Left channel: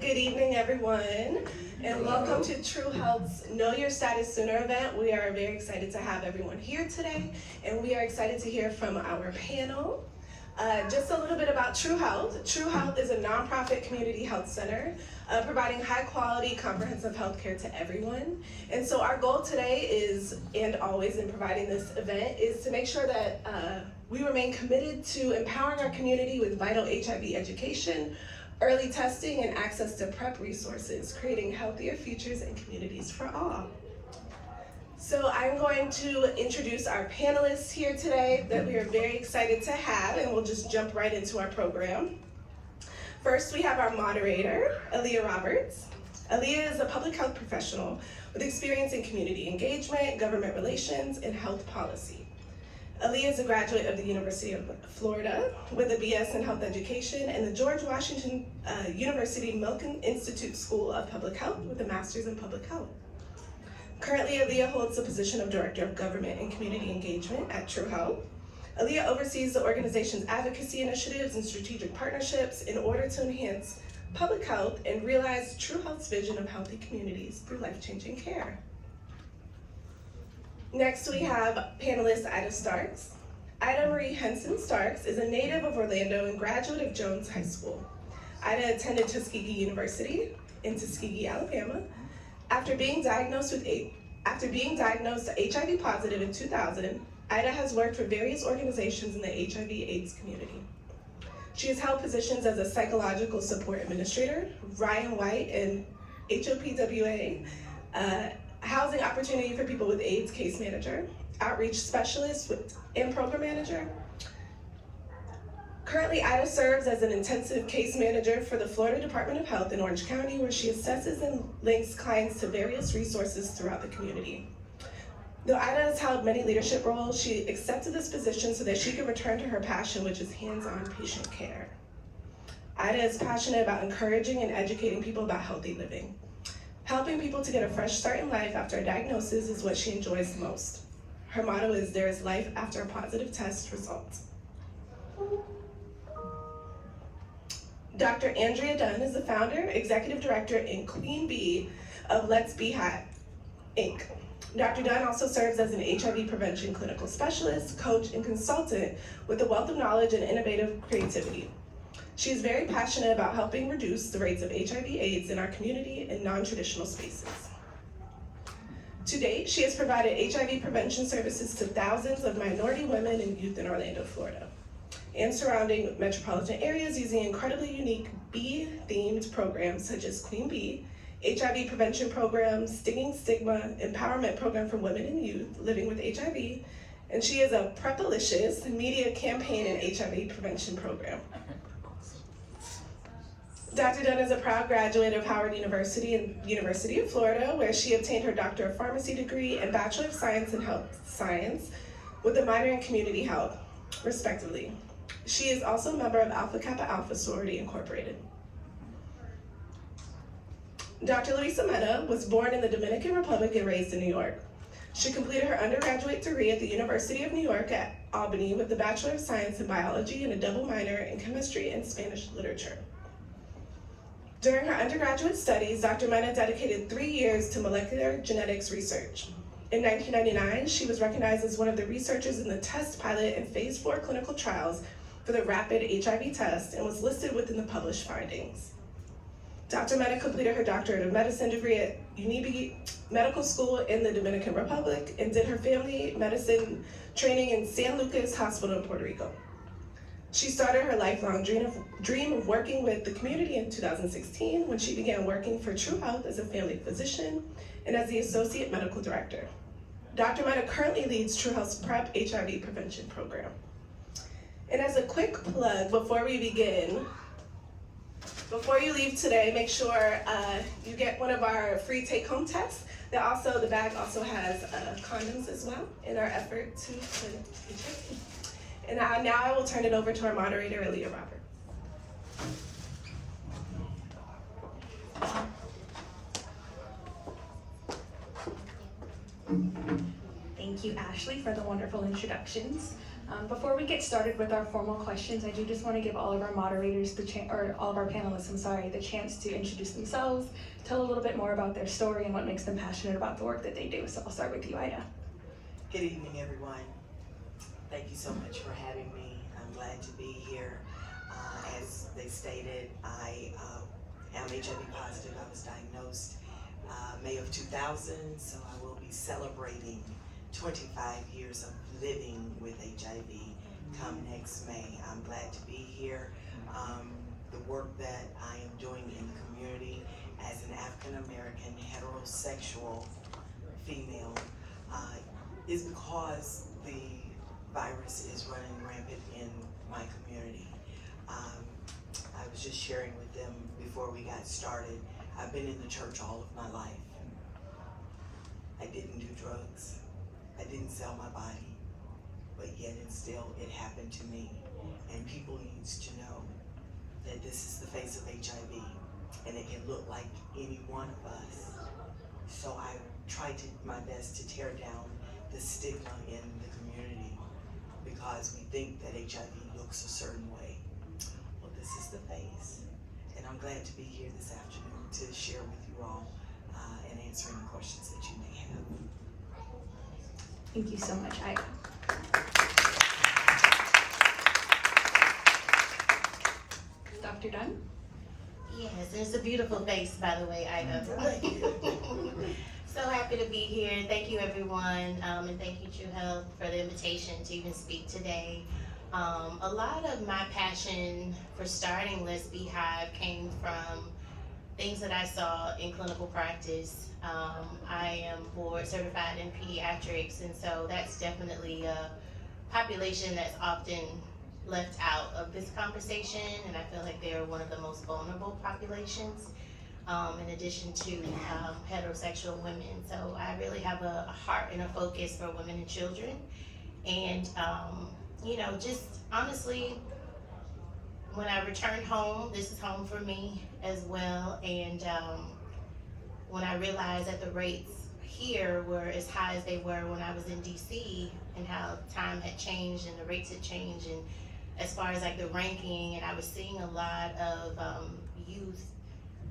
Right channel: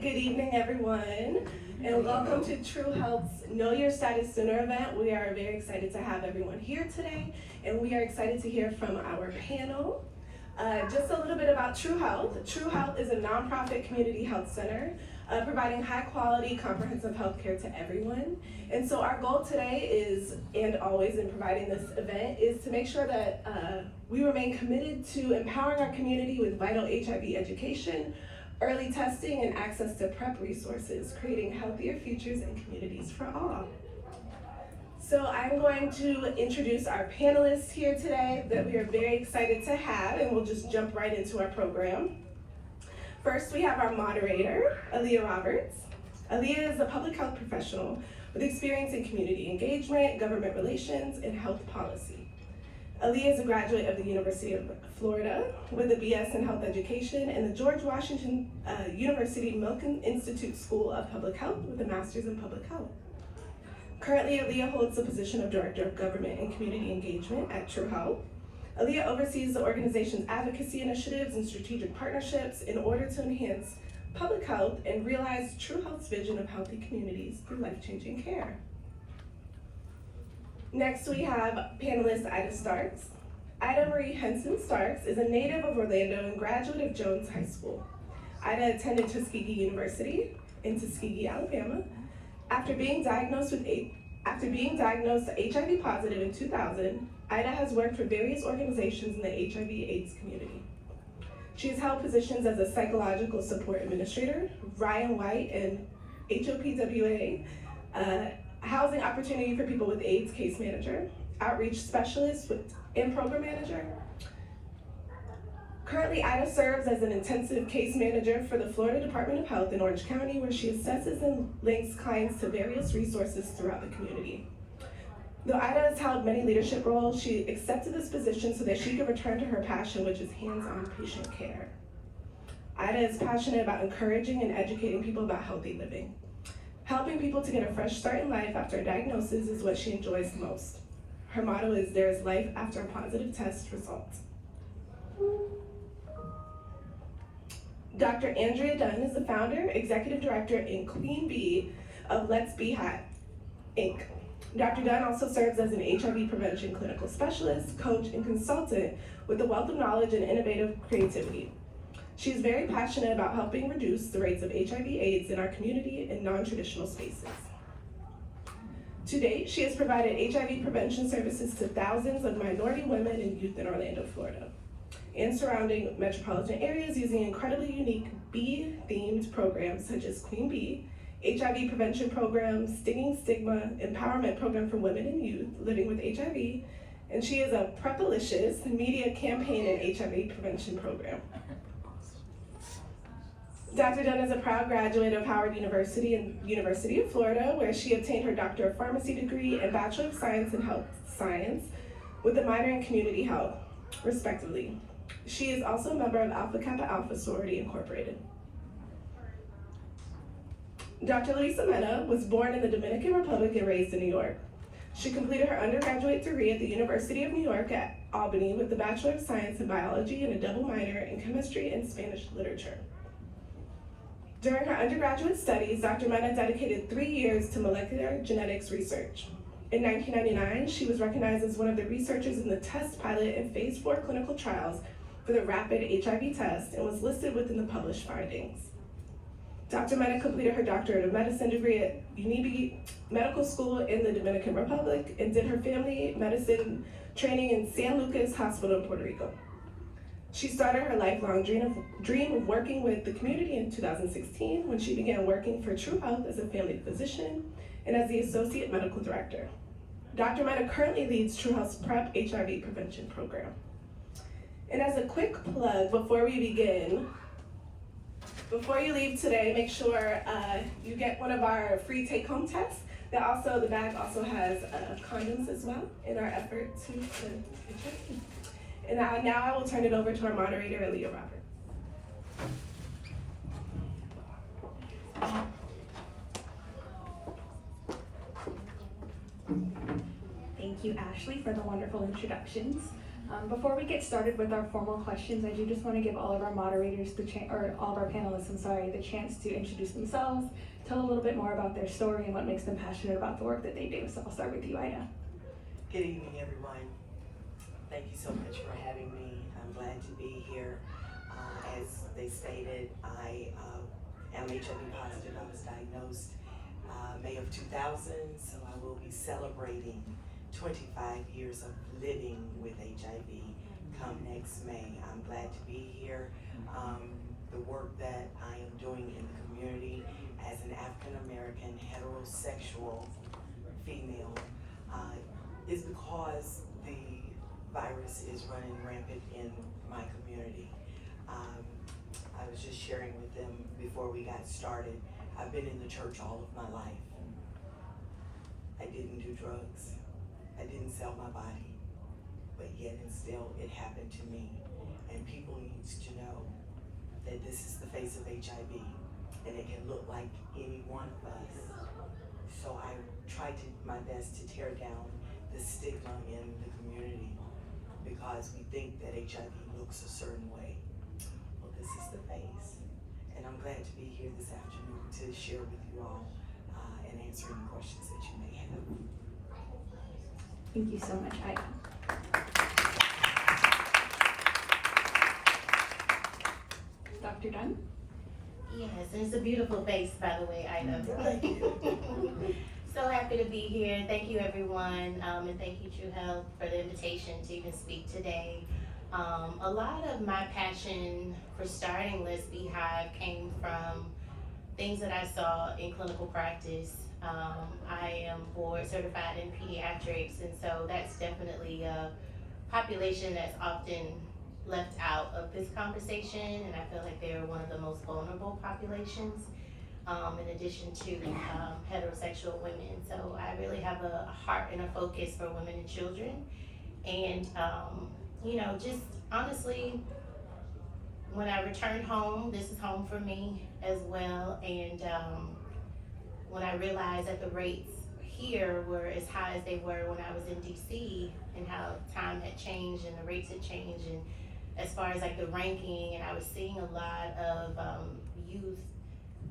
Good evening, everyone, and welcome to True Health's Know Your Status Sooner event. We are very excited to have everyone here today, and we are excited to hear from our panel. Just a little bit about True Health. True Health is a nonprofit community health center providing high quality, comprehensive health care to everyone. And so our goal today is, and always in providing this event, is to make sure that we remain committed to empowering our community with vital HIV education, early testing, and access to PrEP resources, creating healthier futures and communities for all. So I'm going to introduce our panelists here today that we are very excited to have, and we'll just jump right into our program. First, we have our moderator, Aaliyah Roberts. Aaliyah is a public health professional with experience in community engagement, government relations, and health policy. Aaliyah is a graduate of the University of Florida with a BS in health education and the George Washington University Milken Institute School of Public Health with a master's in public health. Currently, Aaliyah holds the position of Director of Government and Community Engagement at True Health. Aaliyah oversees the organization's advocacy initiatives and strategic partnerships in order to enhance public health and realize True Health's vision of healthy communities through life-changing care. Next, we have panelist Ida Starks. Ida Marie Henson Starks is a native of Orlando and graduate of Jones High School. Ida attended Tuskegee University in Tuskegee, Alabama. After being diagnosed HIV positive in 2000, Ida has worked for various organizations in the HIV/AIDS community. She has held positions as a psychological support administrator, Ryan White, and HOPWA, housing opportunity for people with AIDS case manager, outreach specialist and program manager. Currently, Ida serves as an intensive case manager for the Florida Department of Health in Orange County, where she assesses and links clients to various resources throughout the community. Though Ida has held many leadership roles, she accepted this position so that she could return to her passion, which is hands-on patient care. Ida is passionate about encouraging and educating people about healthy living. Helping people to get a fresh start in life after a diagnosis is what she enjoys most. Her motto is, "There is life after a positive test result." Dr. Andrea Dunn is the founder, executive director, and queen bee of Let's Beehive, Inc. Dr. Dunn also serves as an HIV prevention clinical specialist, coach, and consultant with a wealth of knowledge and innovative creativity. She is very passionate about helping reduce the rates of HIV/AIDS in our community in non-traditional spaces. To date, she has provided HIV prevention services to thousands of minority women and youth in Orlando, Florida, and surrounding metropolitan areas using incredibly unique bee-themed programs such as Queen Bee, HIV prevention programs, Stinging Stigma, empowerment program for women and youth living with HIV, and she is a Prepalicious media campaign and HIV prevention program. Dr. Dunn is a proud graduate of Howard University and University of Florida, where she obtained her Doctor of Pharmacy degree and Bachelor of Science in Health Science with a minor in Community Health, respectively. She is also a member of Alpha Kappa Alpha Sorority Incorporated. Dr. Luisa Mena was born in the Dominican Republic and raised in New York. She completed her undergraduate degree at the University of New York at Albany with a Bachelor of Science in Biology and a double minor in Chemistry and Spanish Literature. During her undergraduate studies, Dr. Mena dedicated 3 years to molecular genetics research. In 1999, she was recognized as one of the researchers in the test pilot and phase 4 clinical trials for the rapid HIV test and was listed within the published findings. Dr. Mena completed her Doctorate of Medicine degree at UNIBE Medical School in the Dominican Republic and did her family medicine training in San Lucas Hospital in Puerto Rico. She started her lifelong dream of working with the community in 2016 when she began working for True Health as a family physician and as the Associate Medical Director. Dr. Mena currently leads True Health's PrEP HIV prevention program. And as a quick plug before we begin, before you leave today, make sure you get one of our free take-home tests. The bag also has condoms as well in our effort to prevent HIV. And now I will turn it over to our moderator, Aaliyah Roberts. Thank you, Ashley, for the wonderful introductions. Before we get started with our formal questions, I do just want to give all of our moderators all of our panelists, the chance to introduce themselves, tell a little bit more about their story and what makes them passionate about the work that they do. So I'll start with you, Ida. Good evening, everyone. Thank you so much for having me. I'm glad to be here. As they stated, I am HIV positive. I was diagnosed May of 2000, so I will be celebrating 25 years of living with HIV come next May. I'm glad to be here. The work that I am doing in the community as an African American heterosexual female is because the virus is running rampant in my community. I was just sharing with them before we got started. I've been in the church all of my life. I didn't do drugs. I didn't sell my body, but yet and still it happened to me. And people needs to know that this is the face of HIV, and it can look like any one of us. So I try to my best to tear down the stigma in the community because we think that HIV looks a certain way. Well, this is the face, and I'm glad to be here this afternoon to share with you all and answer any questions that you may have. Thank you so much, Ida. Dr. Dunn? Yes, and it's a beautiful face, by the way, Ida. Thank you. So happy to be here. Thank you, everyone, and thank you, True Health, for the invitation to even speak today. A lot of my passion for starting Beehive came from things that I saw in clinical practice. I am board certified in pediatrics, and so that's definitely a population that's often left out of this conversation, and I feel like they're one of the most vulnerable populations, in addition to heterosexual women. So I really have a heart and a focus for women and children. And, just honestly, when I returned home, this is home for me as well. And when I realized that the rates here were as high as they were when I was in DC, and how time had changed and the rates had changed, and as far as like the ranking, and I was seeing a lot of youth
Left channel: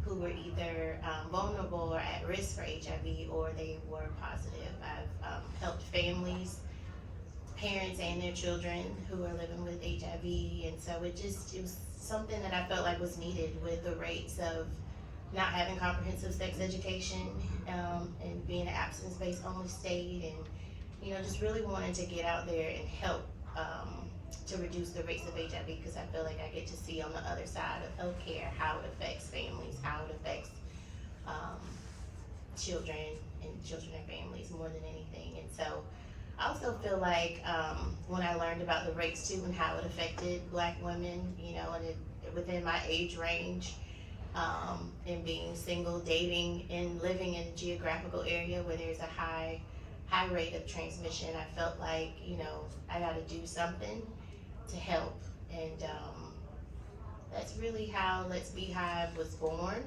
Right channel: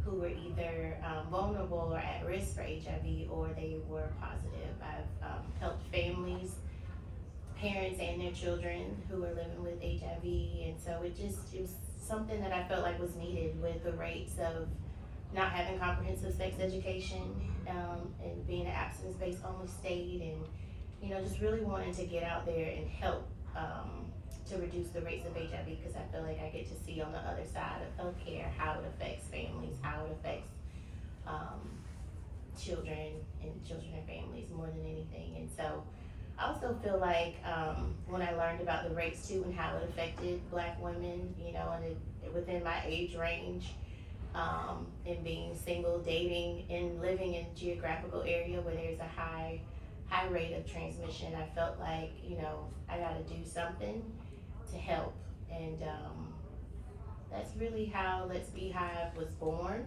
who were either vulnerable or at risk for HIV, or they were positive. I've helped families, parents and their children who are living with HIV, and so it was something that I felt like was needed with the rates of not having comprehensive sex education, and being an abstinence-based only state, and just really wanting to get out there and help to reduce the rates of HIV, because I feel like I get to see on the other side of healthcare how it affects families, how it affects children and families more than anything. And so I also feel like when I learned about the rates too and how it affected Black women, and within my age range, and being single, dating, and living in a geographical area where there's a high rate of transmission, I felt like, I gotta do something to help. And that's really how Let's Beehive was born,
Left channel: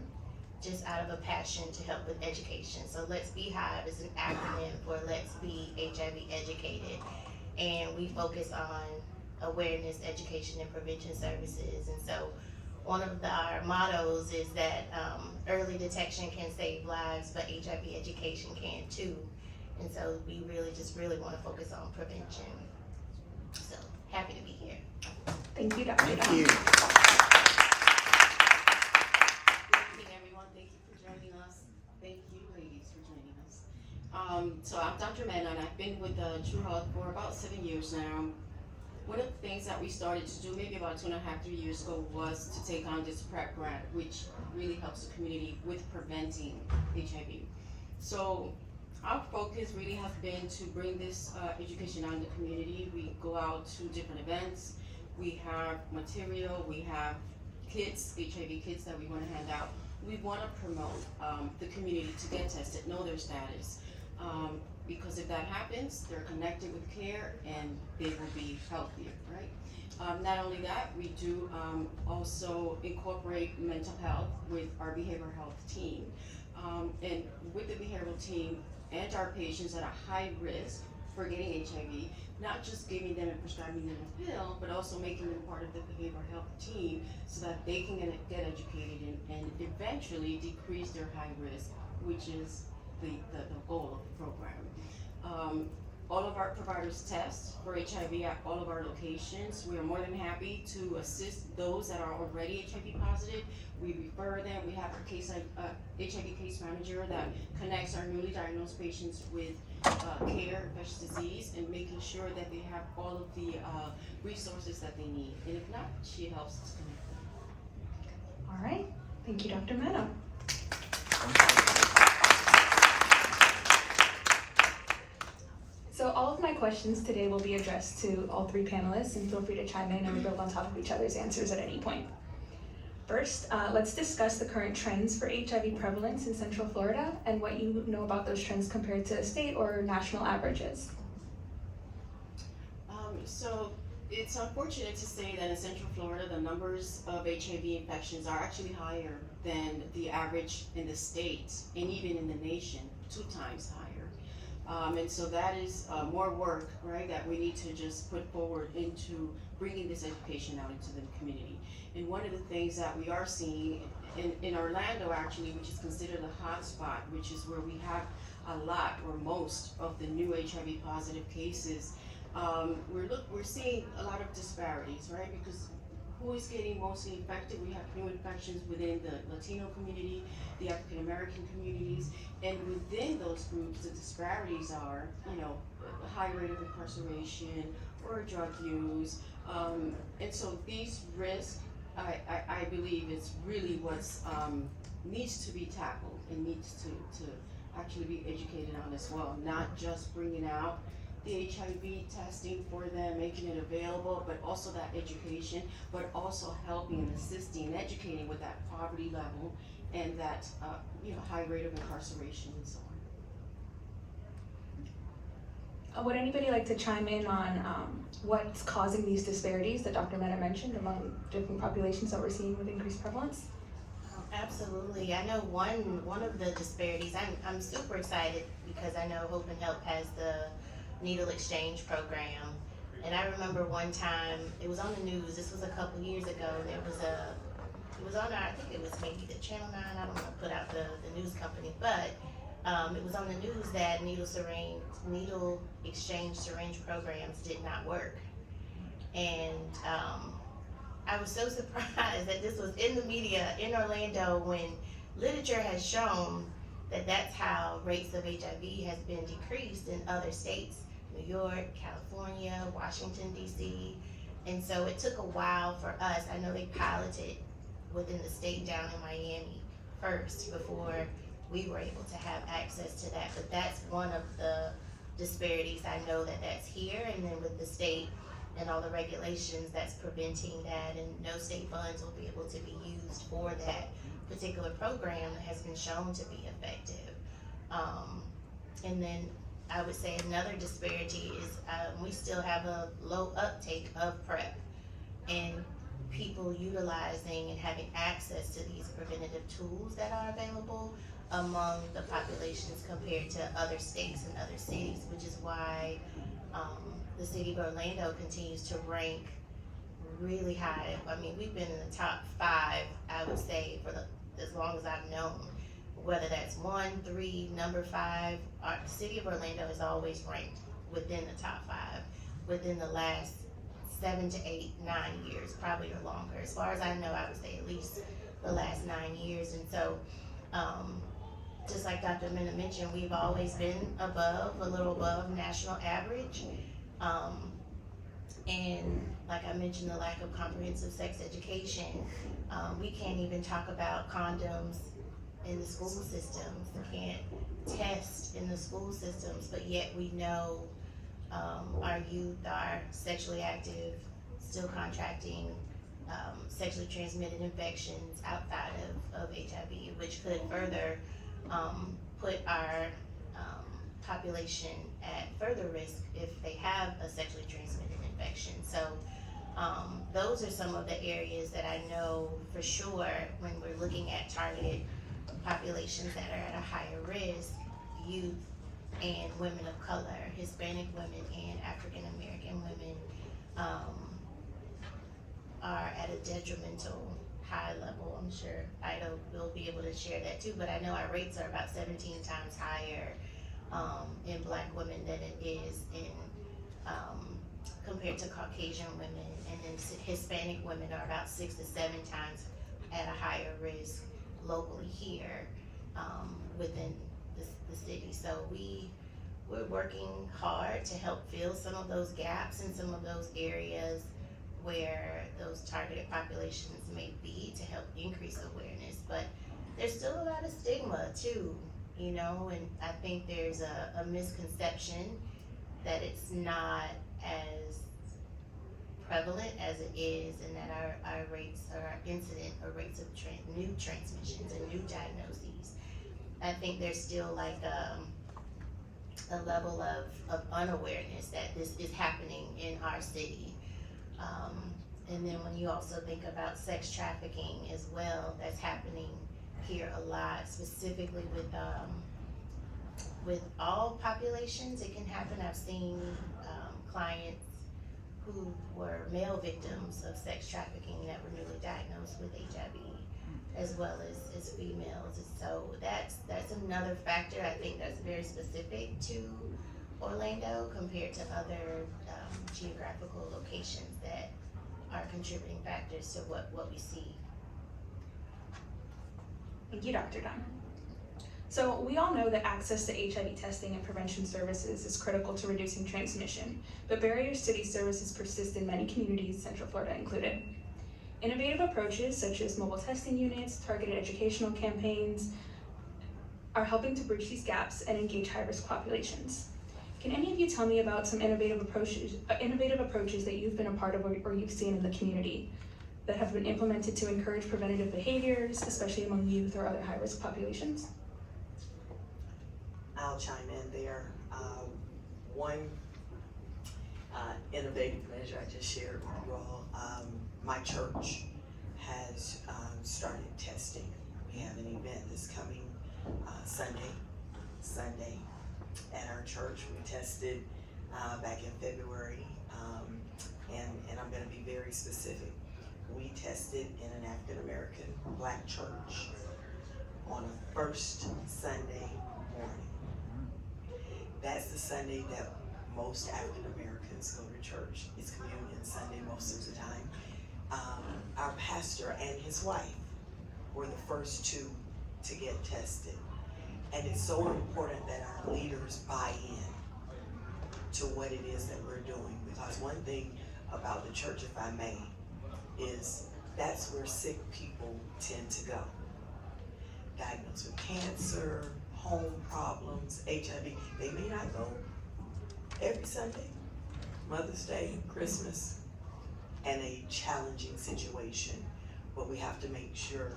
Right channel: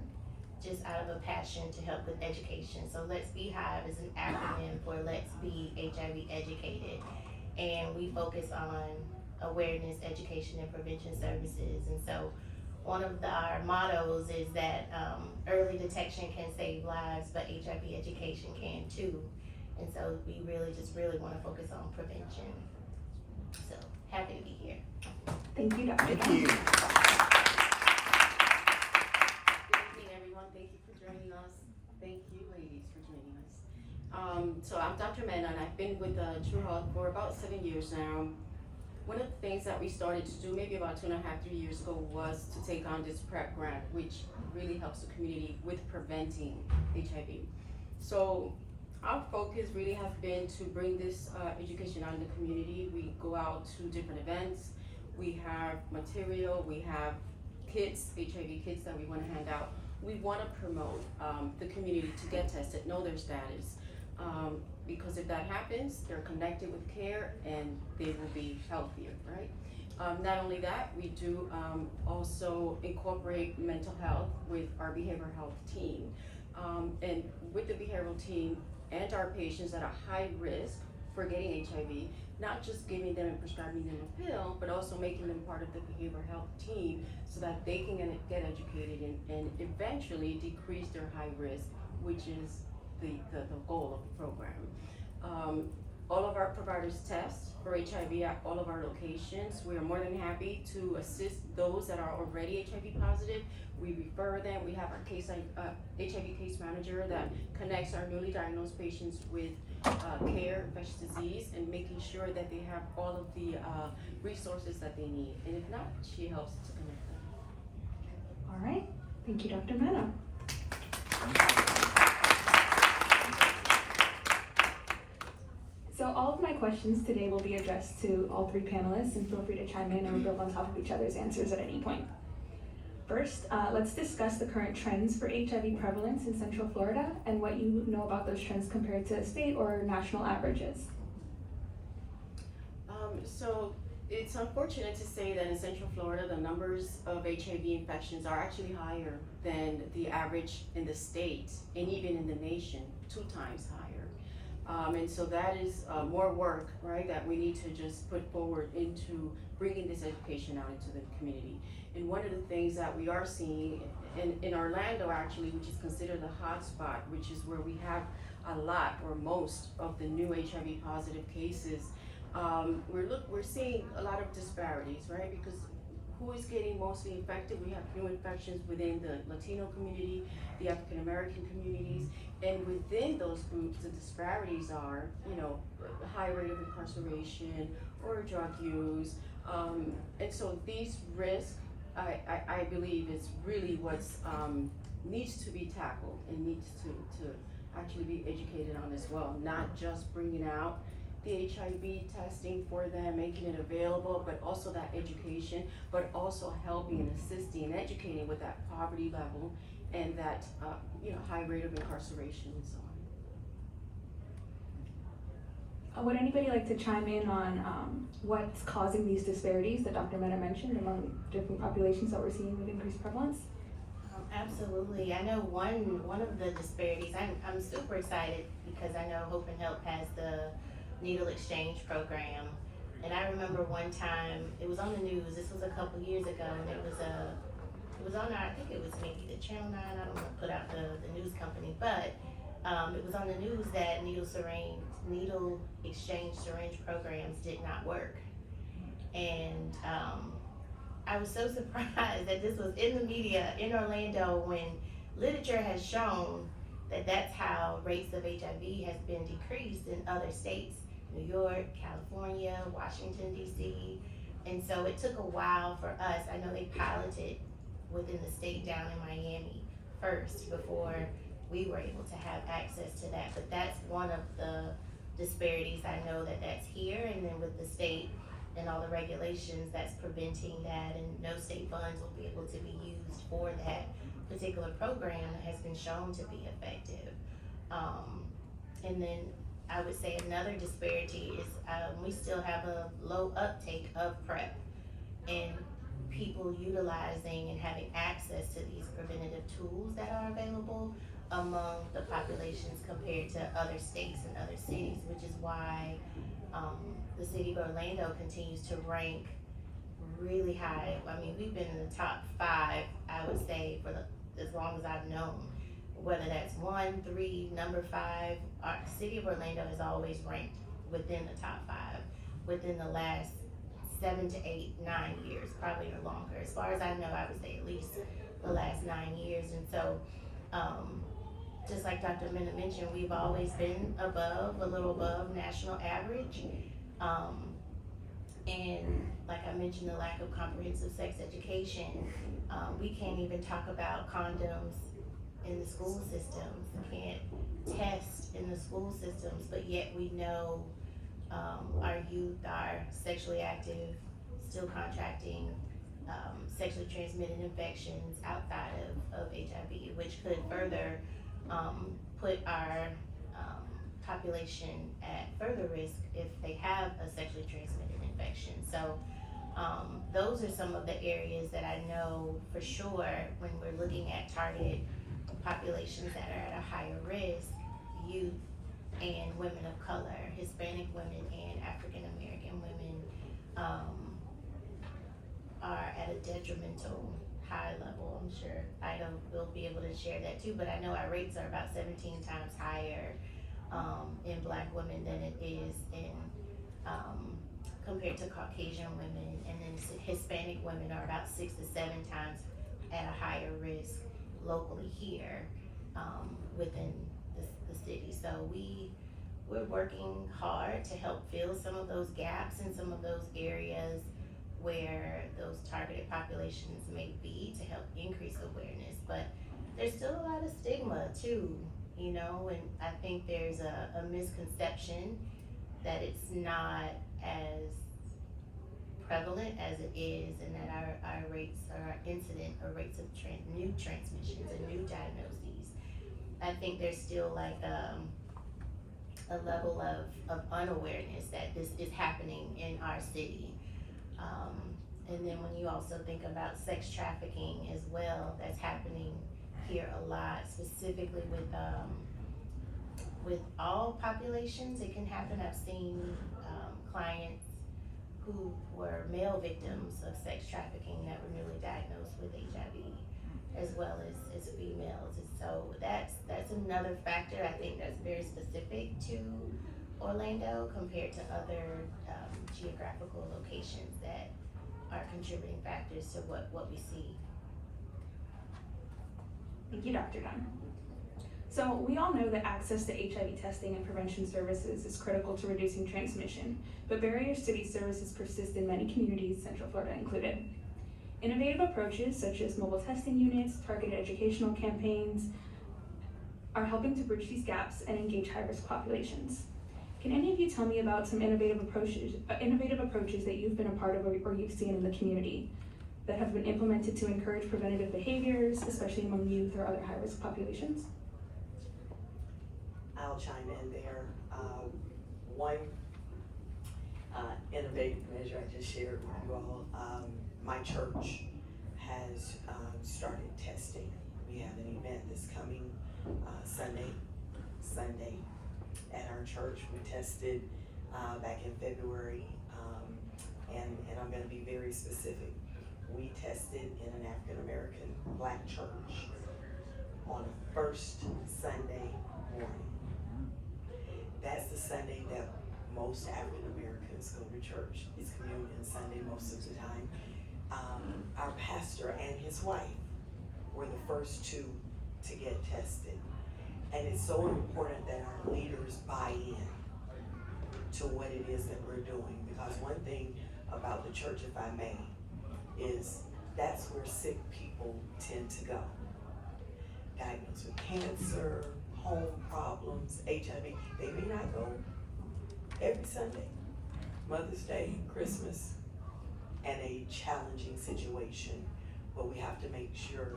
just out of a passion to help with education. So Let's Beehive is an acronym for Let's Be HIV Educated, and we focus on awareness, education, and prevention services. And so one of our mottos is that early detection can save lives, but HIV education can too. And so we really want to focus on prevention. So happy to be here. Thank you, Dr. Thank Dunn. you. Good evening, everyone. Thank you for joining us. Thank you, ladies, for joining us. So I'm Dr. Mena, and I've been with True Health for about 7 years now. One of the things that we started to do maybe about 2.5, 3 years ago was to take on this PrEP grant, which really helps the community with preventing HIV. So our focus really has been to bring this education out in the community. We go out to different events. We have material, we have kits, HIV kits that we want to hand out. We want to promote the community to get tested, know their status. Because if that happens, they're connected with care and they will be healthier, right? Not only that, we do also incorporate mental health with our behavioral health team. And with the behavioral team and our patients at a high risk for getting HIV, not just giving them and prescribing them a pill, but also making them part of the behavioral health team so that they can get educated and eventually decrease their high risk, which is the goal of the program. All of our providers test for HIV at all of our locations. We are more than happy to assist those that are already HIV positive. We refer them. We have our HIV case manager that connects our newly diagnosed patients with care, infectious disease, and making sure that they have all of the resources that they need. And if not, she helps to connect them. All right, thank you, Dr. Mena. So all of my questions today will be addressed to all three panelists, and feel free to chime in and build on top of each other's answers at any point. First, let's discuss the current trends for HIV prevalence in Central Florida and what you know about those trends compared to state or national averages. So it's unfortunate to say that in Central Florida, the numbers of HIV infections are actually higher than the average in the state and even in the nation, 2 times higher. And so that is more work, right, that we need to just put forward into bringing this education out into the community. And one of the things that we are seeing in Orlando, actually, which is considered the hot spot, which is where we have a lot or most of the new HIV positive cases, we're seeing a lot of disparities, right? Because who is getting mostly infected? We have new infections within the Latino community, the African American communities, and within those groups, the disparities are, a high rate of incarceration or drug use, and so these risks, I believe, is really what's needs to be tackled and needs to actually be educated on as well, not just bringing out the HIV testing for them, making it available, but also that education, but also helping and assisting and educating with that poverty level and that high rate of incarceration and so on. Would anybody like to chime in on what's causing these disparities that Dr. Mena mentioned among different populations that we're seeing with increased prevalence? Absolutely. I know one of the disparities, I'm super excited because I know Hope and Help has the needle exchange program. And I remember one time, it was on the news, this was a couple years ago, and it was on, I think it was maybe the Channel 9, I don't want to put out the news company, but it was on the news that needle exchange syringe programs did not work. And I was so surprised that this was in the media in Orlando when literature has shown that that's how rates of HIV has been decreased in other states, New York, California, Washington, D.C. And so it took a while for us. I know they piloted within the state down in Miami first before we were able to have access to that. But that's one of the disparities. I know that that's here, and then with the state and all the regulations that's preventing that, and no state funds will be able to be used for that particular program that has been shown to be effective. And then I would say another disparity is we still have a low uptake of PrEP and people utilizing and having access to these preventative tools that are available among the populations compared to other states and other cities, which is why the city of Orlando continues to rank really high. I mean, we've been in the top 5, I would say, for as long as I've known. Whether that's 1, 3, number 5, the city of Orlando has always ranked within the top 5 within the last 7 to 8, 9 years, probably or longer. As far as I know, I would say at least the last 9 years. And so, just like Dr. Mena mentioned, we've always been a little above national average. And like I mentioned, the lack of comprehensive sex education, we can't even talk about condoms in the school systems. We can't test in the school systems, but yet we know our youth are sexually active, still contracting sexually transmitted infections outside of HIV, which could further put our population at further risk if they have a sexually transmitted infection. So those are some of the areas that I know for sure when we're looking at targeted populations that are at a higher risk: youth, and women of color, Hispanic women and African American women, are at a detrimental high level. I'm sure Ida will be able to share that too, but I know our rates are about 17 times higher in Black women than it is in compared to Caucasian women, and then Hispanic women are about 6 to 7 times at a higher risk locally here within the city. So we're working hard to help fill some of those gaps in some of those areas where those targeted populations may be, to help increase awareness. But there's still a lot of stigma too, you know, and I think there's a misconception that it's not as prevalent as it is, and that our rates are incident or rates of new transmissions and new diagnoses. I think there's still like a level of unawareness that this is happening in our city. And then when you also think about sex trafficking as well, that's happening here a lot, specifically with all populations. It can happen. I've seen clients who were male victims of sex trafficking that were newly diagnosed with HIV, as well as females. And so that's another factor I think that's very specific to Orlando compared to other geographical locations that are contributing factors to what we see. Thank you, Dr. Dunn. So we all know that access to HIV testing and prevention services is critical to reducing transmission, but barriers to these services persist in many communities, Central Florida included. Innovative approaches such as mobile testing units, targeted educational campaigns are helping to bridge these gaps and engage high-risk populations. Can any of you tell me about some innovative approaches that you've been a part of or you've seen in the community that have been implemented to encourage preventative behaviors, especially among youth or other high-risk populations? I'll chime in there. One innovative measure I just shared with you all, my church has started testing. We have an event that's coming Sunday at our church. We tested back in February, and I'm gonna be very specific. We tested in an African American Black church on a first Sunday morning. That's the Sunday that most African Americans go to church. It's communion Sunday most of the time. Our pastor and his wife were the first two to get tested. And it's so important that our leaders buy in to what it is that we're doing. Because one thing about the church, if I may, is that's where sick people tend to go. Diagnosed with cancer, home problems, HIV. They may not go every Sunday, Mother's Day, Christmas, and a challenging situation. But we have to make sure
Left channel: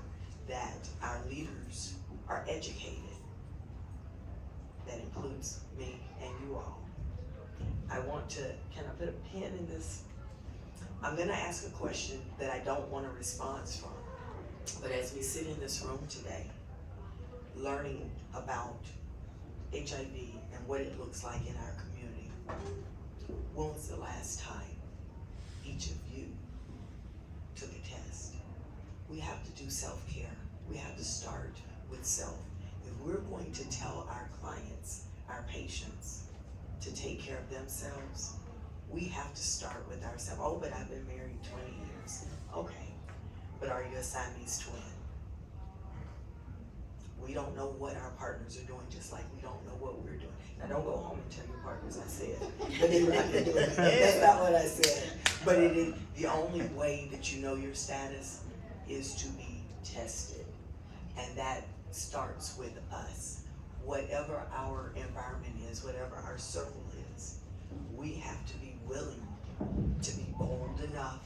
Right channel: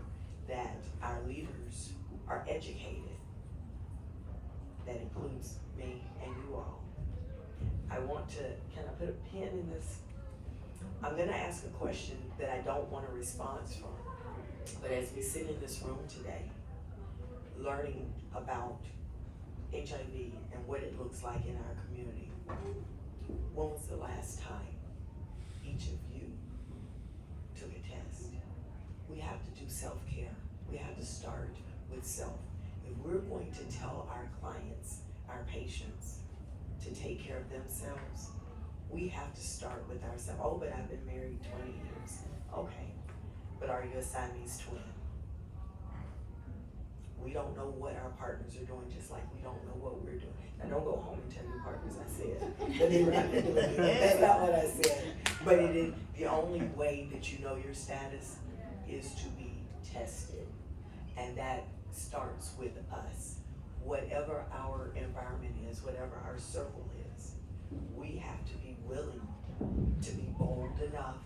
that our leaders are educated. That includes me and you all. I want to, can I put a pin in this? I'm gonna ask a question that I don't want a response from. But as we sit in this room today, learning about HIV and what it looks like in our community, when was the last time each of you took a test? We have to do self-care. We have to start with self. If we're going to tell our clients, our patients, to take care of themselves, we have to start with ourselves. Oh, but I've been married 20 years. Okay, but are you a Siamese twin? We don't know what our partners are doing, just like we don't know what we're doing. Now don't go home and tell your partners I said. That's not what I said. But it is the only way that you know your status is to be tested. And that starts with us. Whatever our environment is, whatever our circle is, we have to be willing to be bold enough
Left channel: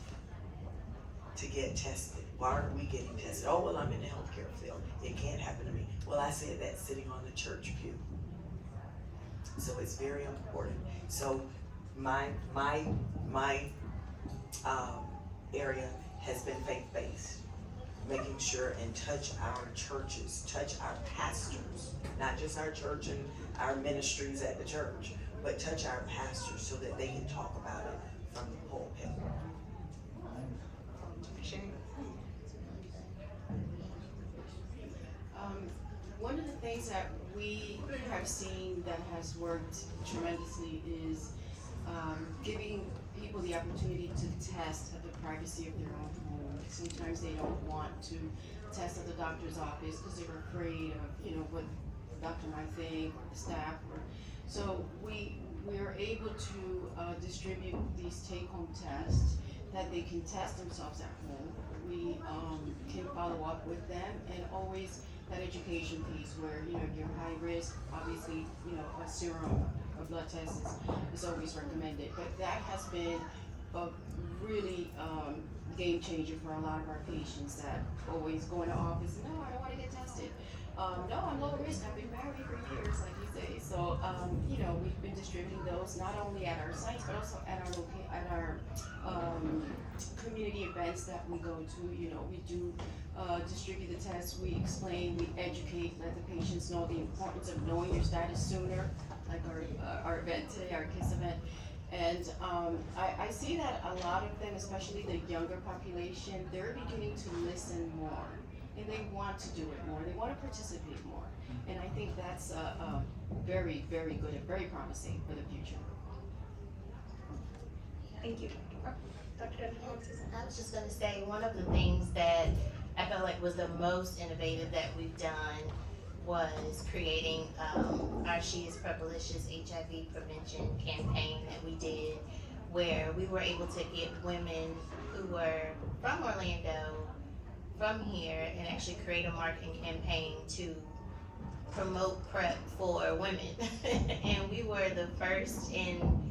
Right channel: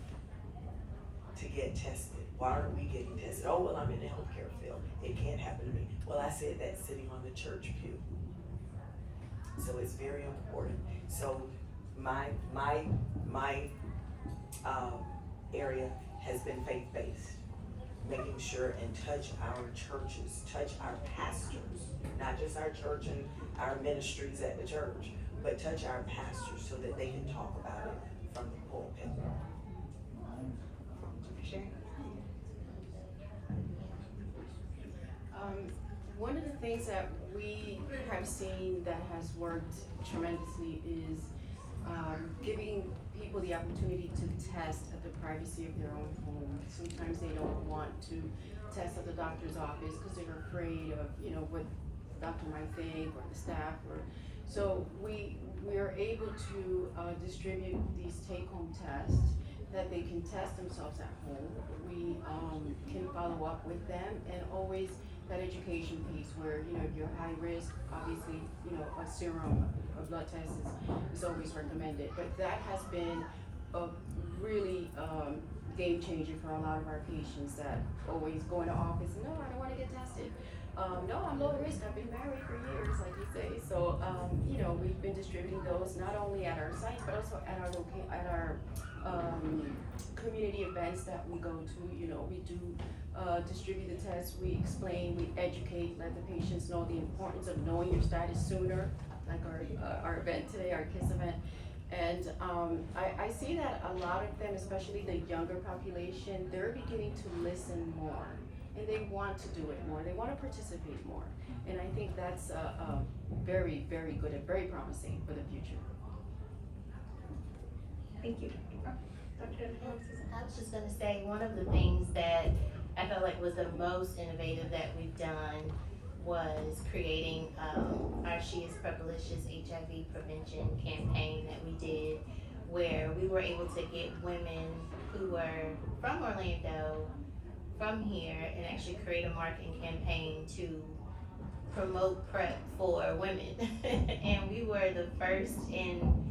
to get tested. Why aren't we getting tested? Oh, well, I'm in the healthcare field. It can't happen to me. Well, I said that sitting on the church pew. So it's very important. So my area has been faith-based. making sure and touch our churches, touch our pastors, not just our church and our ministries at the church, but touch our pastors so that they can talk about it from the pulpit. Sure. One of the things that we have seen that has worked tremendously is giving people the opportunity to test at the privacy of their own home. Sometimes they don't want to test at the doctor's office because they're afraid of, what the doctor might think or the staff. So we are able to distribute these take-home tests that they can test themselves at home. We can follow up with them, and always that education piece where, if you're high risk, obviously, a serum, a blood test is always recommended. But that has been a really game changer for a lot of our patients that always go in the office, no, I don't want to get tested. No, I'm low risk, I've been married for years, like you say. So, we've been distributing those not only at our sites, but also at our community events that we go to. We do distribute the tests, we explain, we educate, let the patients know the importance of knowing your status sooner, like our event today, our KYSS event. And I see that a lot of them, especially the younger population, they're beginning to listen more, and they want to do it more, they want to participate more. And I think that's very, very good and very promising for the future. Thank you, Dr. Dunn. I was just gonna say, one of the things that I felt like was the most innovative that we've done was creating our She is Purplicious HIV prevention campaign that we did, where we were able to get women who were from Orlando, from here, and actually create a marketing campaign to promote PrEP for women. And we were the first in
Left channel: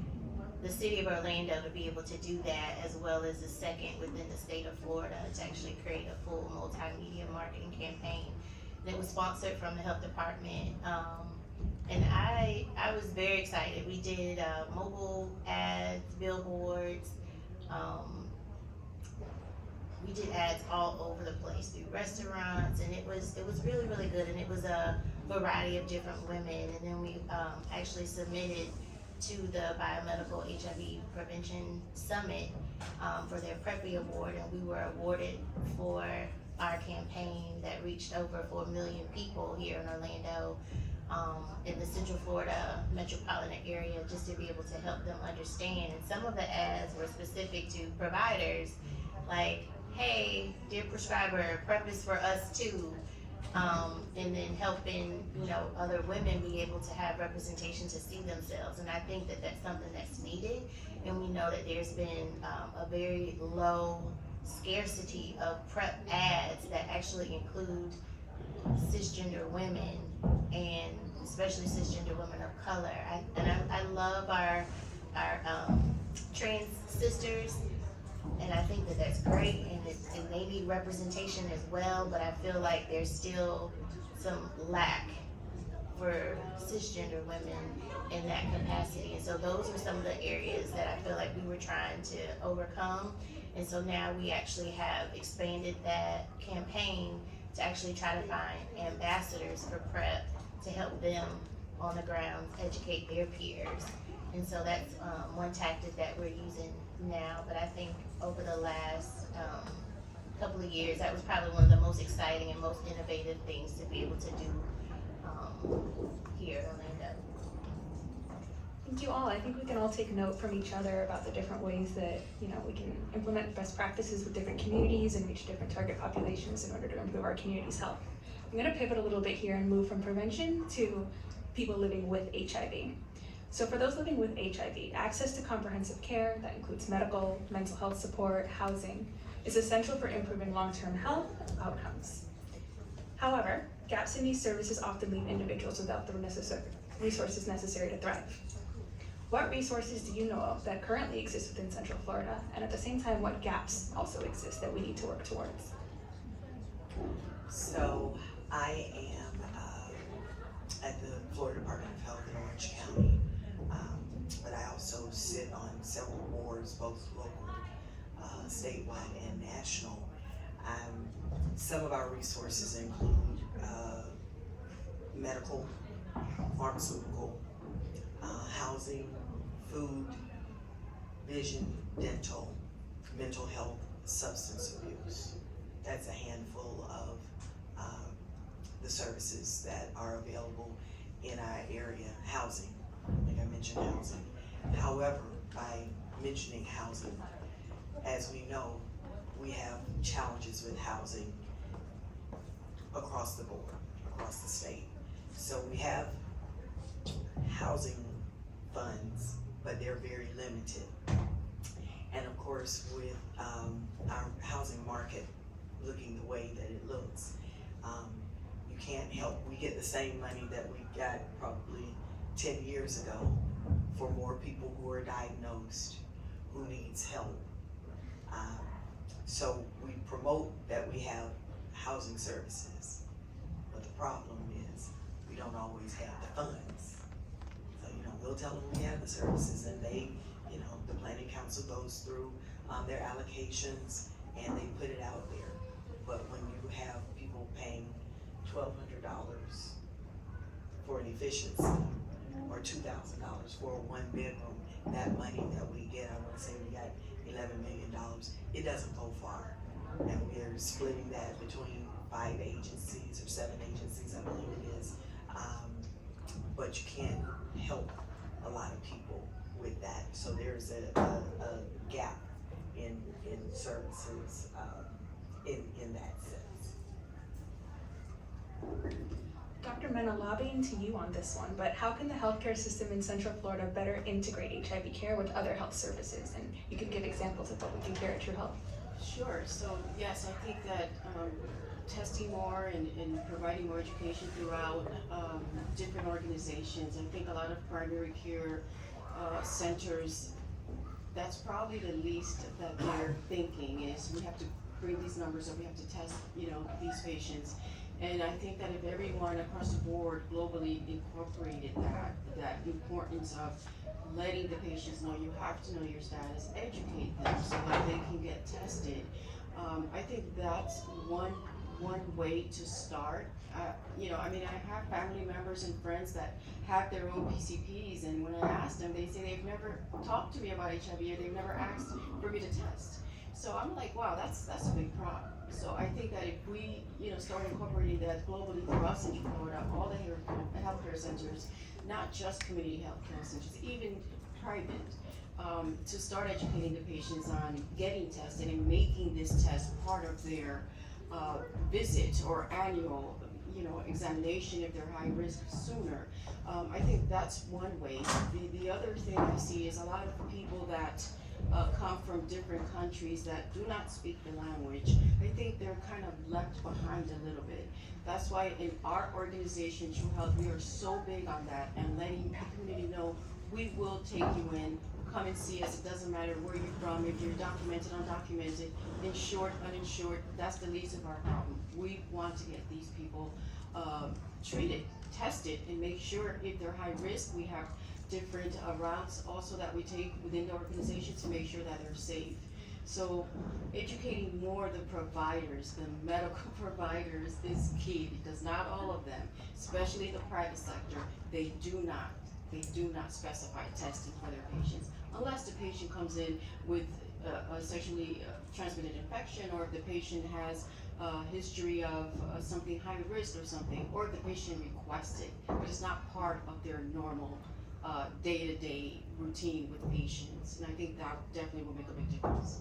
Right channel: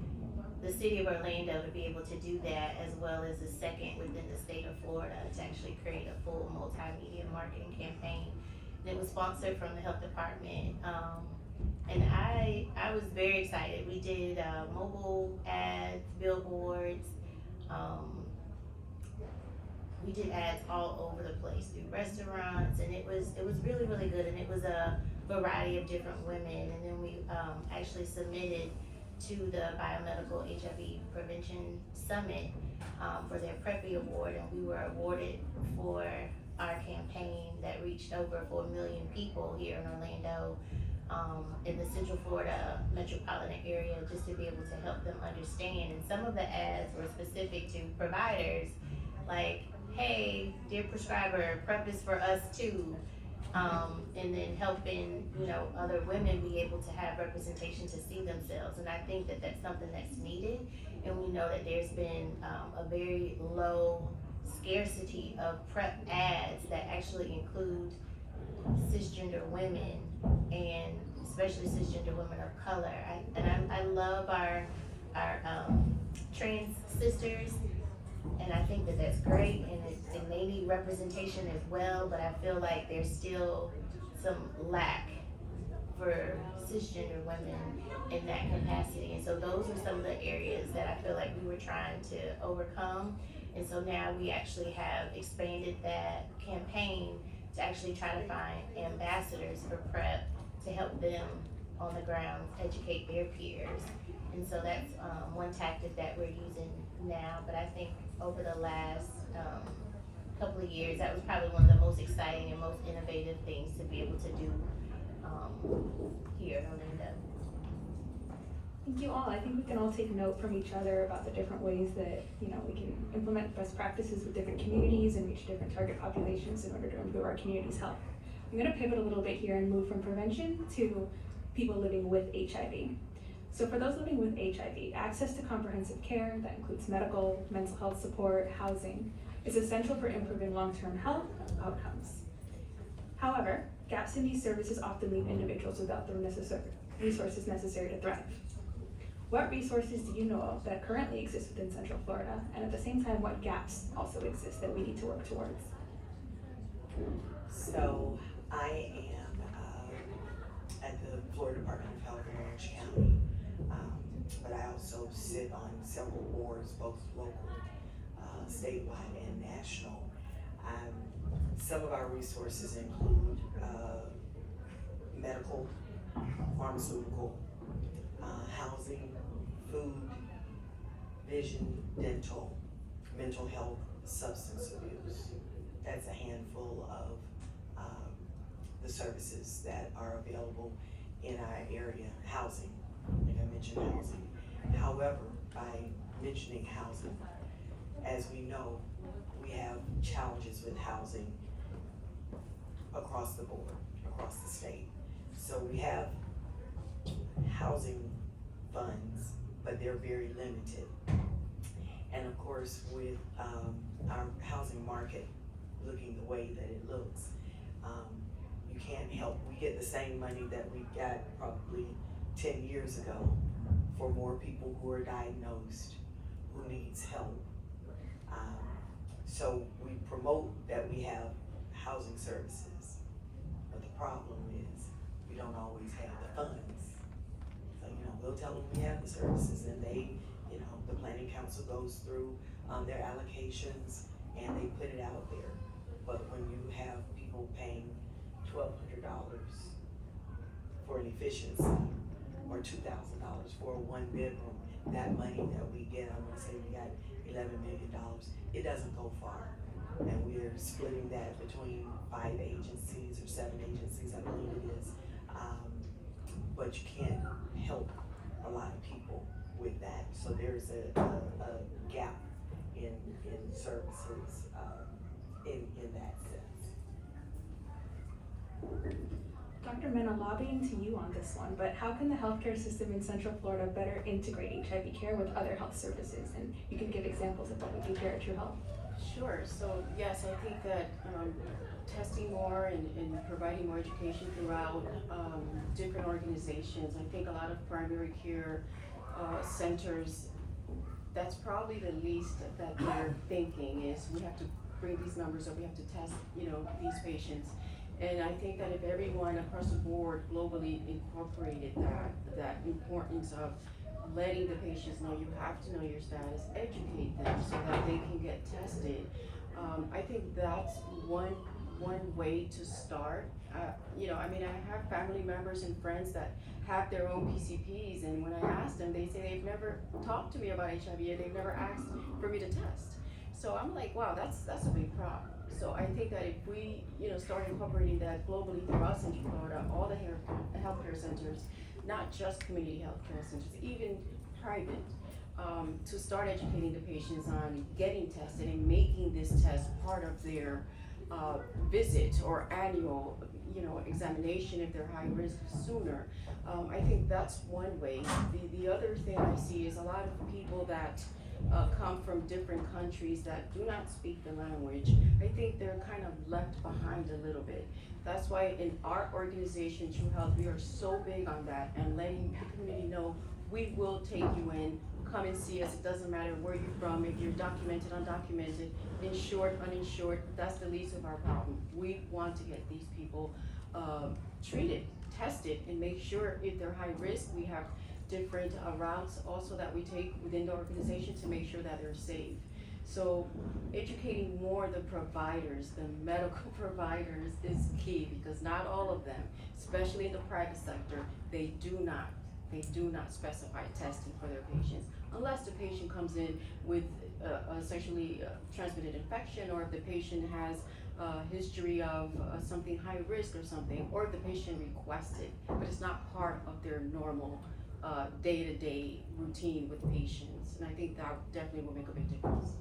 the city of Orlando to be able to do that, as well as the second within the state of Florida to actually create a full multimedia marketing campaign. And it was sponsored from the health department, and I was very excited. We did mobile ads, billboards, we did ads all over the place through restaurants, and it was really, really good. And it was a variety of different women, and then we actually submitted to the Biomedical HIV Prevention Summit for their PrEPI Award, and we were awarded for our campaign that reached over 4 million people here in Orlando, in the Central Florida metropolitan area, just to be able to help them understand. And some of the ads were specific to providers, like, hey, dear prescriber, PrEP is for us too. And then helping, other women be able to have representation to see themselves. And I think that that's something that's needed. And we know that there's been a very low scarcity of PrEP ads that actually include cisgender women, and especially cisgender women of color. I love our trans sisters, and I think that that's great, and they need representation as well, but I feel like there's still some lack for cisgender women in that capacity. And so those are some of the areas that I feel like we were trying to overcome. And so now we actually have expanded that campaign to actually try to find ambassadors for PrEP to help them on the ground educate their peers. And so that's one tactic that we're using now. But I think over the last couple of years, that was probably one of the most exciting and most innovative things to be able to do here in Orlando. Thank you all. I think we can all take note from each other about the different ways that we can implement best practices with different communities and reach different target populations in order to improve our community's health. I'm going to pivot a little bit here and move from prevention to people living with HIV. So for those living with HIV, access to comprehensive care that includes medical, mental health support, housing, is essential for improving long-term health outcomes. However, gaps in these services often leave individuals without the resources necessary to thrive. What resources do you know of that currently exist within Central Florida, and at the same time, what gaps also exist that we need to work towards? So I am at the Florida Department of Health in Orange County, but I also sit on several boards, both local, statewide, and national. Some of our resources include medical, pharmaceutical, housing, food, vision, dental, mental health, substance abuse. That's a handful of the services that are available in our area. Housing, like I mentioned housing. However, by mentioning housing, as we know, we have challenges with housing across the board, across the state. So we have housing funds, but they're very limited. And of course, with our housing market looking the way that it looks, you can't help, we get the same money that we got probably 10 years ago for more people who are diagnosed, who needs help. So we promote that we have housing services, but the problem is we don't always have the funds. So, we'll tell them we have the services, and they, the planning council goes through their allocations and they put it out there. But when you have people paying $1,200 for an efficiency, or $2,000 for a one bedroom, that money that we get, I wanna say we got $11 million, it doesn't go far. And we're splitting that between 5 agencies or 7 agencies, I believe it is. But you can't help a lot of people with that. So there's a gap in services in that sense. Dr. Mena, lobbying to you on this one, but how can the healthcare system in Central Florida better integrate HIV care with other health services? And you can give examples of what we do here at True Health. Sure. So yes, I think that testing more and providing more education throughout different organizations. I think a lot of primary care centers, that's probably the least that they're thinking is we have to bring these numbers up, we have to test, these patients. And I think that if everyone across the board globally incorporated that importance of letting the patients know you have to know your status, educate them so that they can get tested. I think that's one way to start. I have family members and friends that have their own PCPs, and when I ask them, they say they've never talked to me about HIV or they've never asked for me to test. So I'm like, wow, that's a big problem. So I think that if we, start incorporating that globally throughout Central Florida, all the healthcare centers, not just community healthcare centers, even private, to start educating the patients on getting tested and making this test part of their visit or annual, examination if they're high risk sooner. I think that's one way. The other thing I see is a lot of people that come from different countries that do not speak the language. I think they're kind of left behind a little bit. That's why in our organization, True Health, we are so big on that and letting the community know we will take you in, come and see us. It doesn't matter where you're from, if you're documented, undocumented, insured, uninsured, that's the least of our problem. We want to get these people treated, tested, and make sure if they're high risk, we have different routes also that we take within the organization to make sure that they're safe. So educating more the providers, the medical providers is key, because not all of them, especially the private sector, they do not specify testing for their patients unless the patient comes in with a sexually transmitted infection, or if the patient has a history of something high risk or something, or if the patient requested, but it's not part of their normal day-to-day routine with patients. And I think that definitely will make a big difference.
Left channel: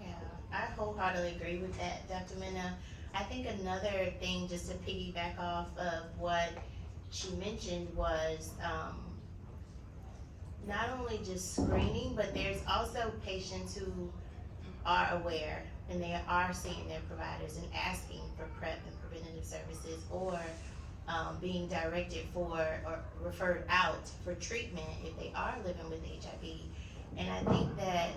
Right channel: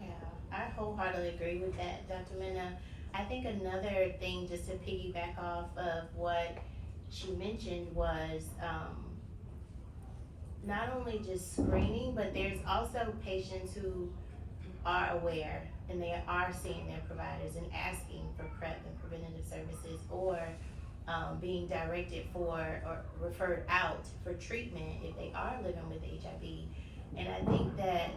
Yeah, I wholeheartedly agree with that, Dr. Mena. I think another thing, just to piggyback off of what she mentioned, was not only just screening, but there's also patients who are aware and they are seeing their providers and asking for PrEP and preventative services, or being directed for or referred out for treatment if they are living with HIV. And I think that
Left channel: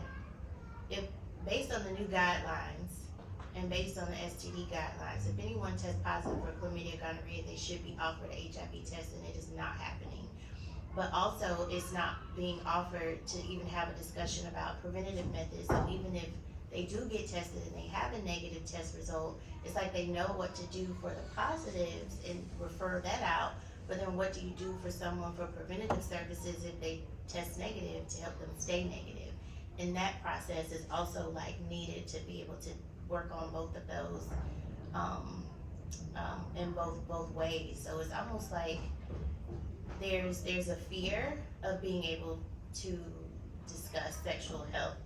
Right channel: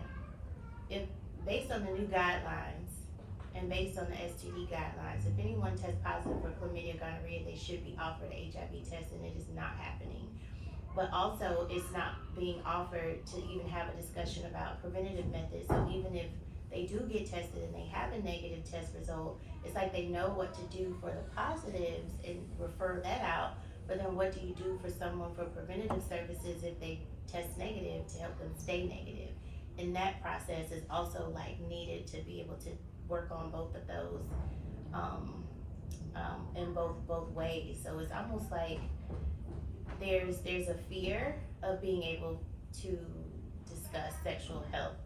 if, based on the new guidelines and based on the STD guidelines, if anyone tests positive for chlamydia, gonorrhea, they should be offered a HIV test, and it is not happening. But also, it's not being offered to even have a discussion about preventative methods. So even if they do get tested and they have a negative test result, it's like they know what to do for the positives and refer that out. But then what do you do for someone for preventative services if they test negative to help them stay negative? And that process is also like needed to be able to work on both of those in both ways. So it's almost like there's a fear of being able to discuss sexual health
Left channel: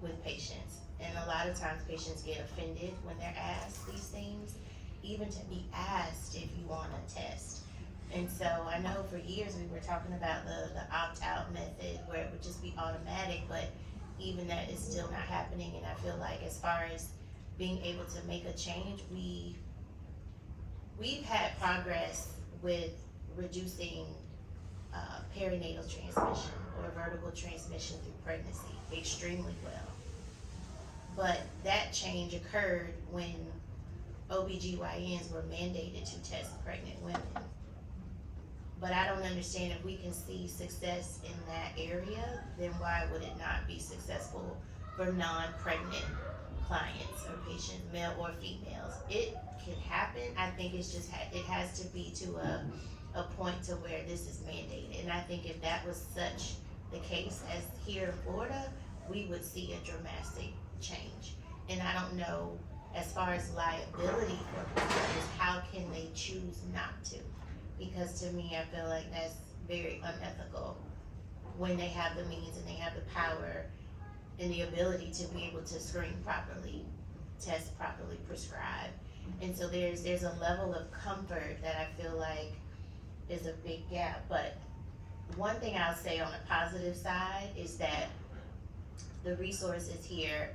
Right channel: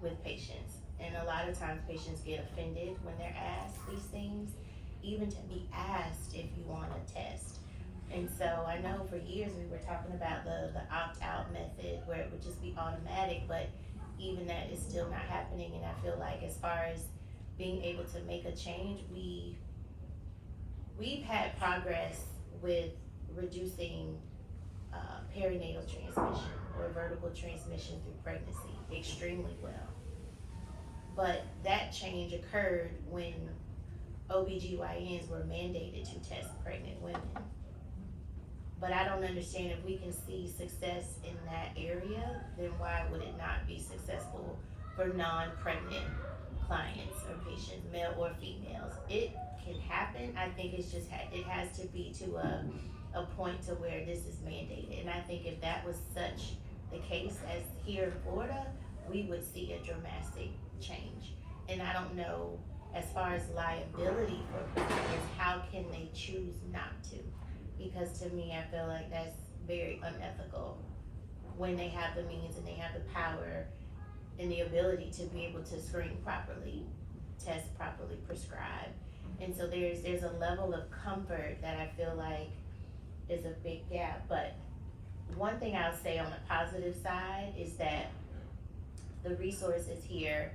with patients. And a lot of times patients get offended when they're asked these things, even to be asked if you want to test. And so I know for years we were talking about the opt-out method where it would just be automatic, but even that is still not happening. And I feel like as far as being able to make a change, we've had progress with reducing perinatal transmission or vertical transmission through pregnancy extremely well. But that change occurred when OBGYNs were mandated to test pregnant women. But I don't understand, if we can see success in that area, then why would it not be successful for non-pregnant clients or patients, male or females? It can happen. I think it's just, it has to be to a point to where this is mandated. And I think if that was such the case as here in Florida, we would see a dramatic change. And I don't know, as far as liability for providers, how can they choose not to? Because to me, I feel like that's very unethical when they have the means and they have the power and the ability to be able to screen properly, test properly, prescribe. And so there's a level of comfort that I feel like is a big gap. But one thing I'll say on the positive side is that the resources here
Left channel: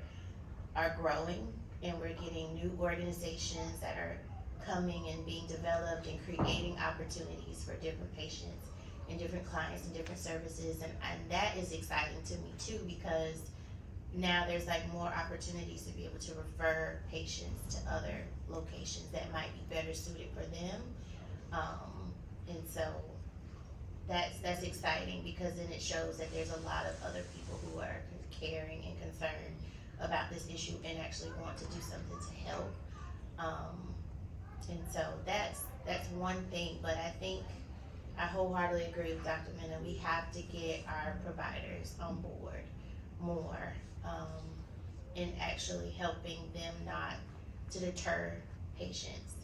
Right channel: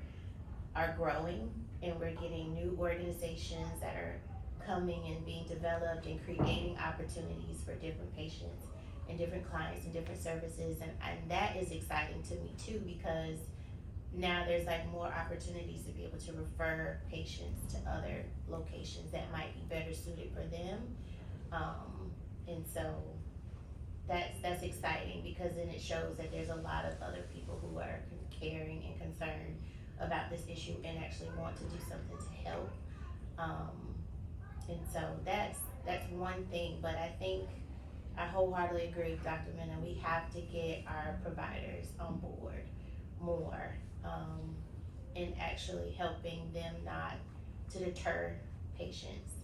are growing, and we're getting new organizations that are coming and being developed and creating opportunities for different patients and different clients and different services. And that is exciting to me too, because now there's like more opportunities to be able to refer patients to other locations that might be better suited for them. And so that's exciting, because then it shows that there's a lot of other people who are caring and concerned about this issue and actually want to do something to help. And so that's one thing, but I think I wholeheartedly agree with Dr. Mena. We have to get our providers on board more, in actually helping them not to deter patients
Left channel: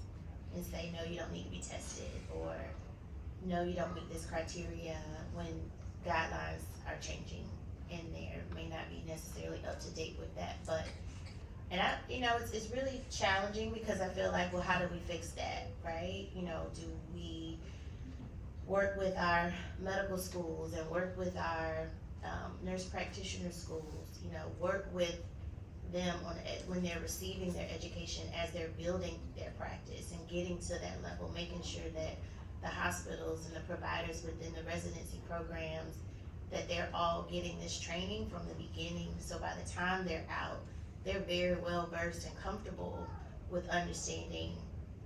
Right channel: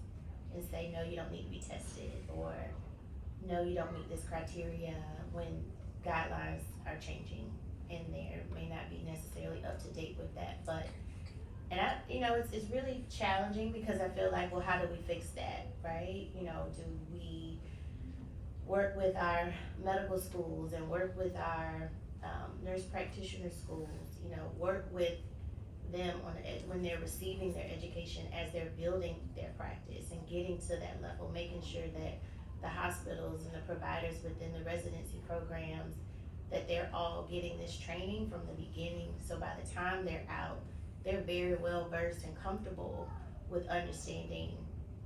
and say, no, you don't need to be tested, or no, you don't meet this criteria, when guidelines are changing and they may not be necessarily up to date with that. But, and it's really challenging, because I feel like, well, how do we fix that, right? Do we work with our medical schools and work with our nurse practitioner schools, work with them when they're receiving their education, as they're building their practice and getting to that level, making sure that the hospitals and the providers within the residency programs, that they're all getting this training from the beginning, so by the time they're out, they're very well versed and comfortable with understanding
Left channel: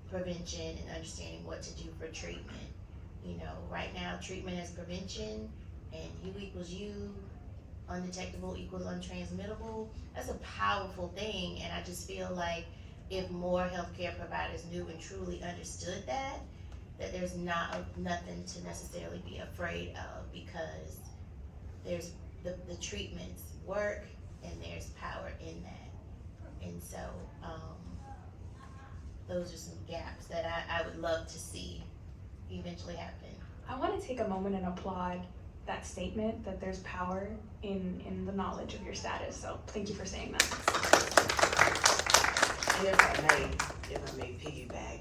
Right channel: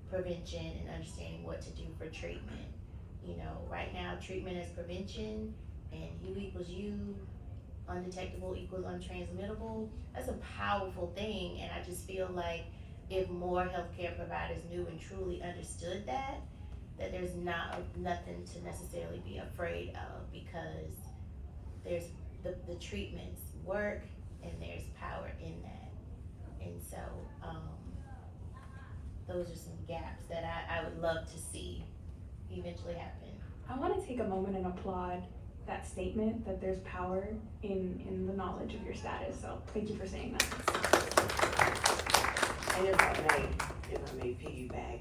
prevention and understanding what to do for treatment. Right now, treatment is prevention, and U equals U, undetectable equals untransmittable. That's a powerful thing, and I just feel like if more healthcare providers knew and truly understood that there's nothing to necessarily be afraid of, because there's the treatments work and there's power in that. And so those are some gaps that I would love to see eventually happen. I want to take a moment and applaud that statement, that there's power in the knowledge of your status. So thank you for saying that. And if I may piggyback,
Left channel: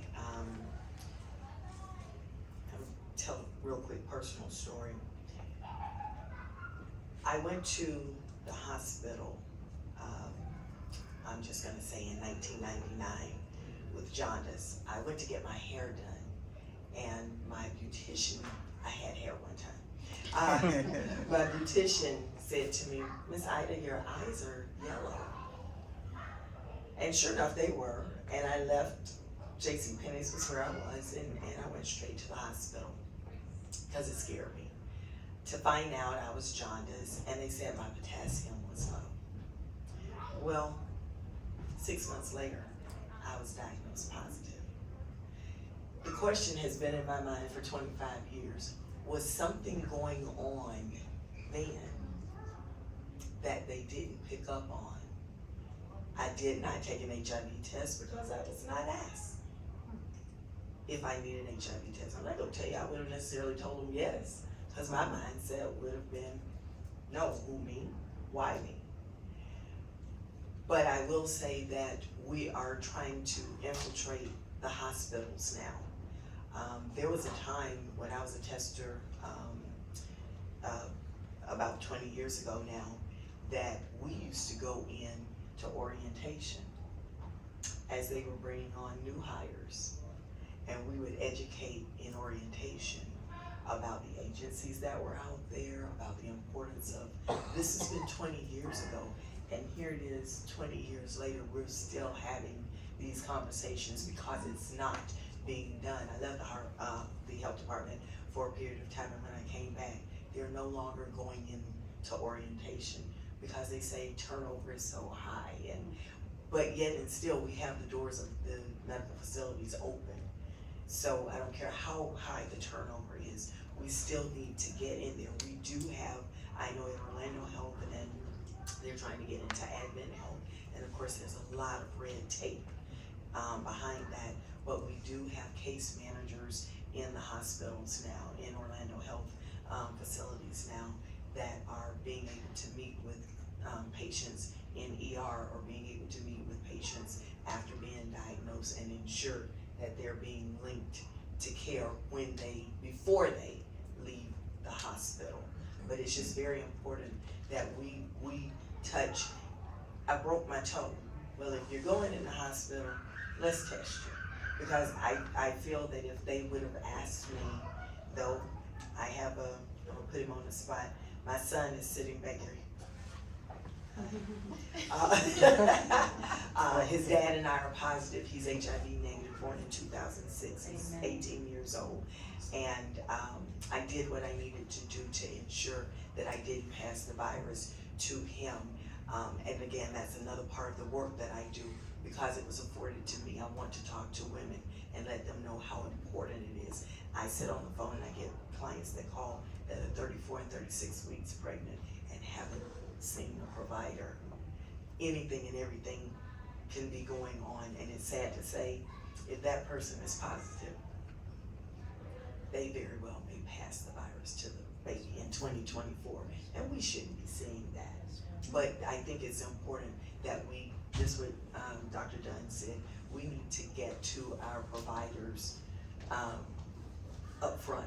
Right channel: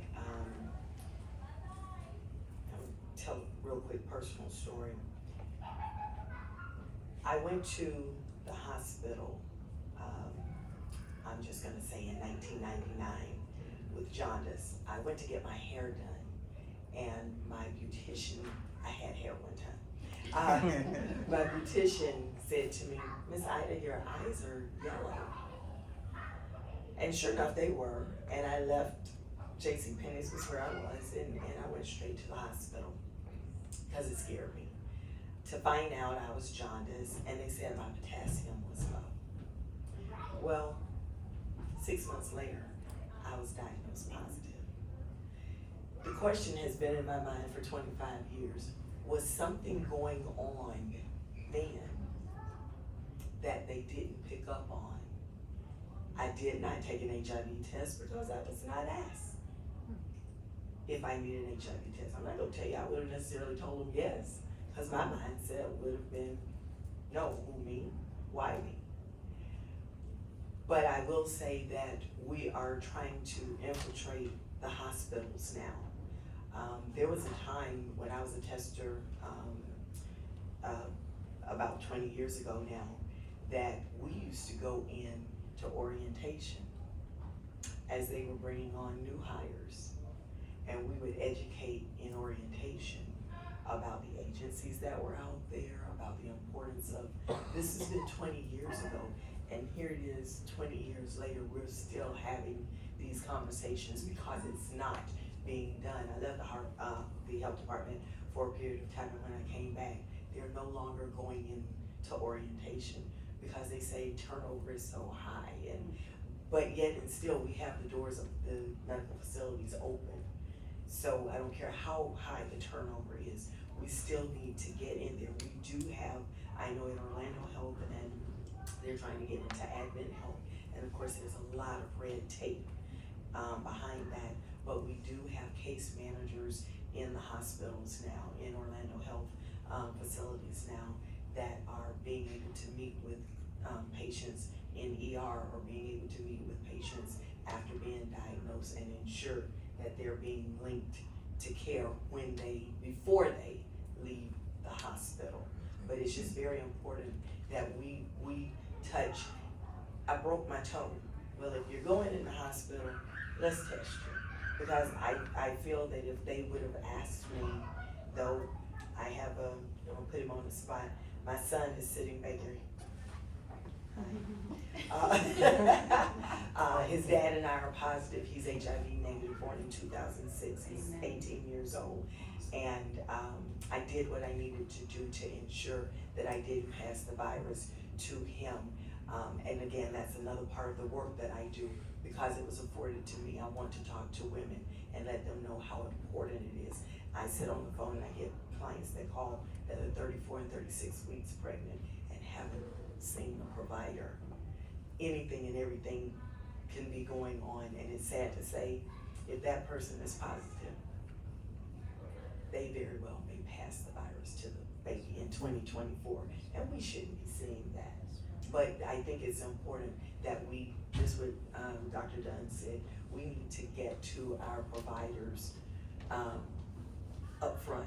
I'll tell a real quick personal story. I went to the hospital, I'm just gonna say in 1999, with jaundice. I went to get my hair done, and my beautician, I had hair one time. My beautician said to me, Miss Ida, your eyes are yellow. And sure enough, they were. And I left JCPenney's was where I was, and I went straight to the hospital, because it scared me, to find out I was jaundice, and they said my potassium was low. Well, 6 months later, I was diagnosed positive. The question has been in my mind for 25 years, was something going on then that they didn't pick up on? I did not take an HIV test because I was not asked if I needed an HIV test. I'm not gonna tell you I would have necessarily told them yes, because my mindset would have been, no, who me? Why me? But I will say that we are trying to infiltrate the hospitals now. There was a time when I was a tester, about 20 years ago now, that we used to go in to orientation as they were bringing on new hires. And we would educate in orientation about the agencies that were out there, about the importance of, this has been 20 years ago, and here it is 20 years later, we're still having these conversations because it's not being done. I left the health department for a period of time, and when I came back, they're no longer going into orientation because they say turnover is so high, but yet and still we have the doors of the medical facilities open. So I don't care how high the turnover is, we still need to get in there. We do have, I know in Orlando Health, and then they're trying to get into admin health, and of course there's a lot of red tape behind that, but we do have case managers in the hospitals now, in Orlando Health facilities now, that are being able to meet with patients in ER, or being able to meet with patients after being diagnosed, and ensure that they're being linked to care before they leave the hospital. But it's just very important that we touch. I broke my toe. Well, if you're going in the hospital, let's test you. Because I feel that if they would have asked me, though I have I'm gonna put him on the spot, my son is sitting back there. His dad and I are positive. He's HIV negative, born in 2006. He's 18 years old. And I did what I needed to do to ensure that I did pass the virus to him. And again, that's another part of the work that I do, because it was afforded to me. I want to talk to women and let them know how important it is. I sit on the phone and I get clients that call that are 34 and 36 weeks pregnant and haven't seen a provider. Anything and everything can be going on, and it's sad to say, if that person is positive, they very well may pass the virus to the baby in 2024, and we shouldn't be seeing that. But I think it's important that we, just what Dr. Dunn said, we need to get to our providers up front,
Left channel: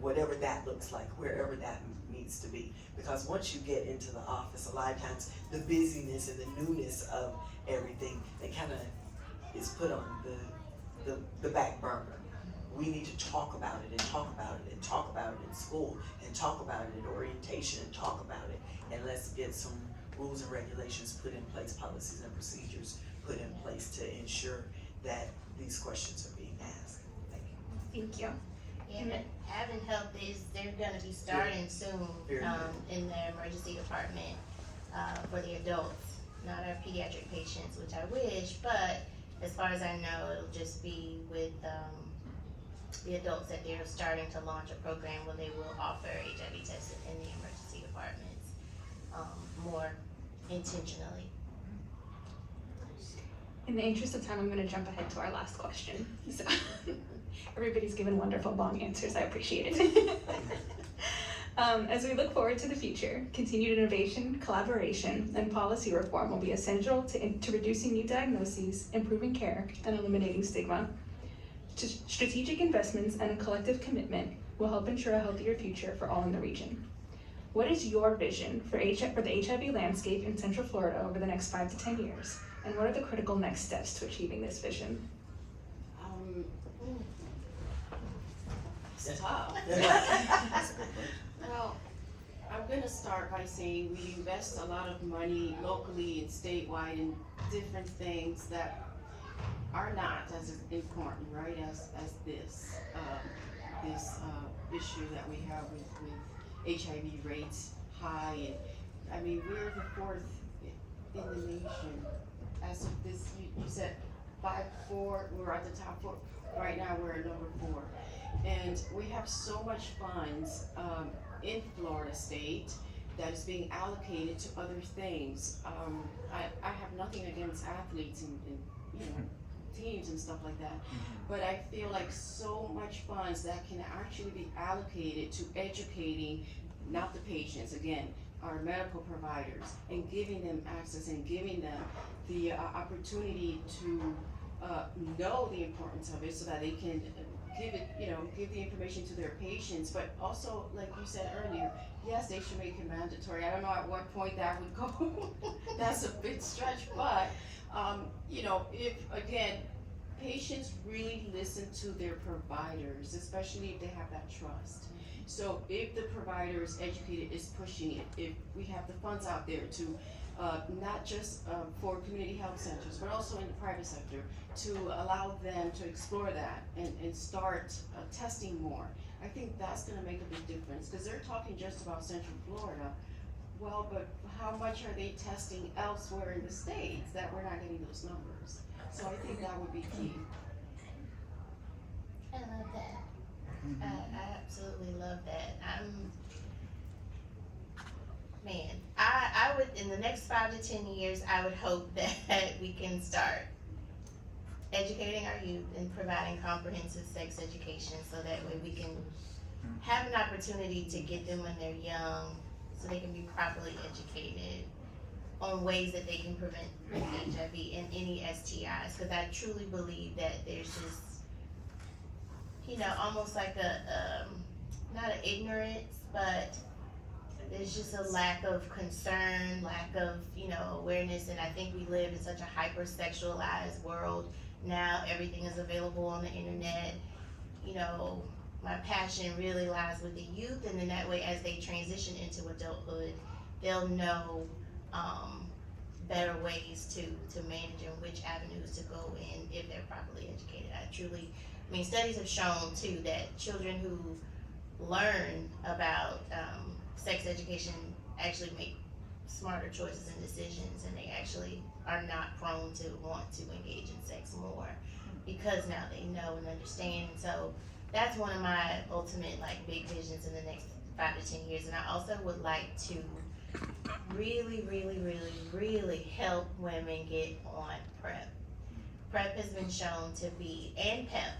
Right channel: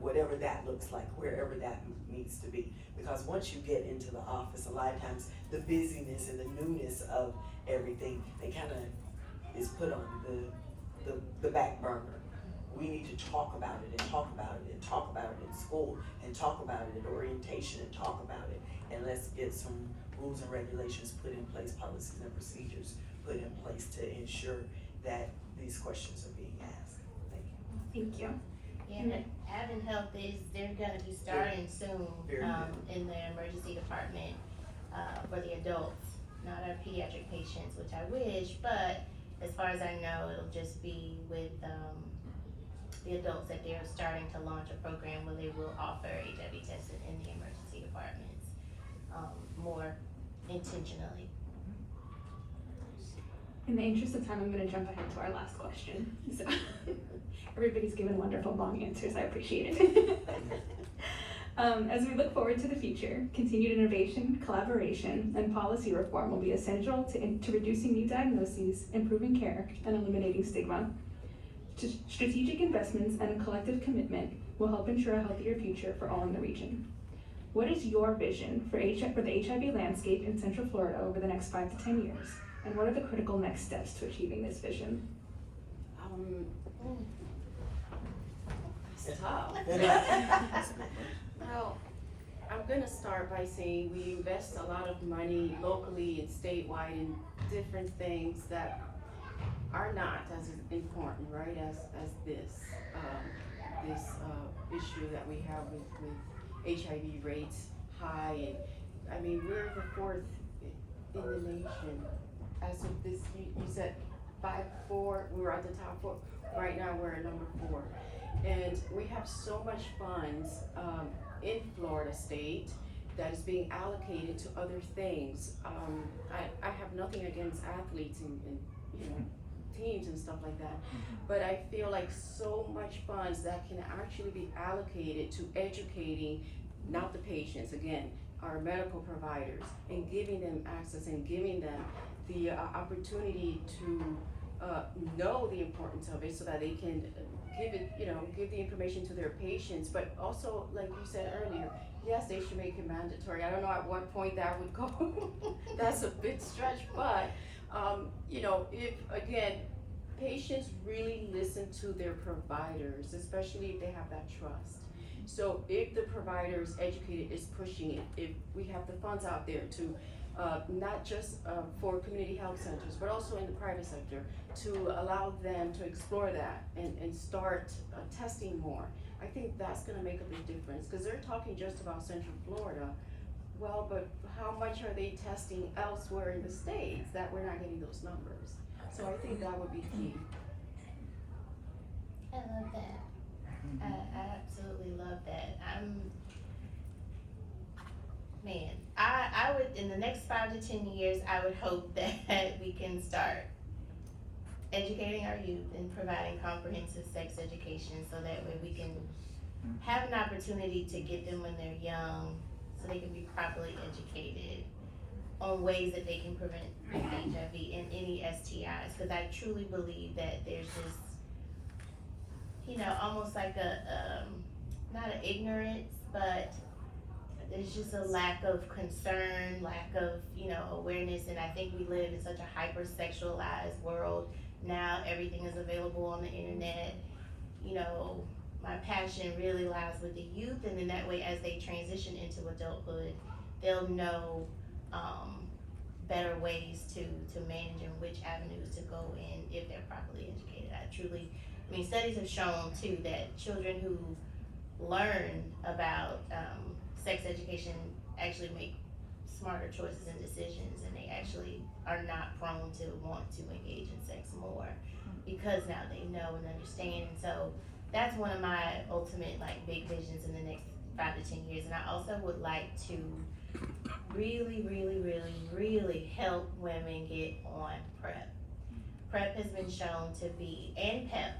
whatever that looks like, wherever that needs to be. Because once you get into the office, a lot of times the busyness and the newness of everything, they kind of is put on the back burner. We need to talk about it and talk about it and talk about it in school and talk about it at orientation and talk about it. And let's get some rules and regulations put in place, policies and procedures put in place to ensure that these questions are being asked. Thank you. Thank you. Yeah, and Advent Health they're gonna be starting soon, in their emergency department, for the adults, not our pediatric patients, which I wish, but as far as I know, it'll just be with, the adults that they're starting to launch a program where they will offer HIV testing in the emergency departments, more intentionally. In the interest of time, I'm going to jump ahead to our last question. So, everybody's given wonderful long answers. I appreciate it. As we look forward to the future, continued innovation, collaboration, and policy reform will be essential to reducing new diagnoses, improving care, and eliminating stigma. Strategic investments and a collective commitment will help ensure a healthier future for all in the region. What is your vision for the HIV landscape in Central Florida over the next 5 to 10 years? And what are the critical next steps to achieving this vision? It's tough. Well, I'm gonna start by saying we invest a lot of money locally and statewide in different things that are not as important, right, as this issue that we have with HIV rates high. And I mean, we're the 4th in the nation as of this, you said 5-4, we were at the top 4. Right now, we're at number 4. And we have so much funds in Florida State that is being allocated to other things. I have nothing against athletes and you know, teams and stuff like that, but I feel like so much funds that can actually be allocated to educating, not the patients, again, our medical providers, and giving them access and giving them the opportunity to know the importance of it so that they can give it, you know, give the information to their patients, but also, like you said earlier, yes, they should make it mandatory. I don't know at what point that would go. That's a big stretch, but, you know, if, again, patients really listen to their providers, especially if they have that trust. So if the provider is educated, is pushing it, if we have the funds out there to, not just for community health centers, but also in the private sector, to allow them to explore that and start testing more. I think that's gonna make a big difference, because they're talking just about Central Florida. Well, but how much are they testing elsewhere in the states that we're not getting those numbers? So I think that would be key. I love that. I absolutely love that. I would, in the next 5 to 10 years, I would hope that we can start educating our youth and providing comprehensive sex education so that way we can have an opportunity to get them when they're young so they can be properly educated on ways that they can prevent HIV and any STIs, because I truly believe that there's this, you know, almost like a not an ignorance, but there's just a lack of concern, lack of, you know, awareness, and I think we live in such a hyper-sexualized world. Now everything is available on the internet. You know, my passion really lies with the youth, and then that way as they transition into adulthood, they'll know better ways to manage and which avenues to go in if they're properly educated. I mean, studies have shown too that children who learn about sex education actually make smarter choices and decisions, and they actually are not prone to want to engage in sex more because now they know and understand. So that's one of my ultimate like big visions in the next 5 to 10 years. And I also would like to really help women get on PrEP. PrEP has been shown to be, and PEP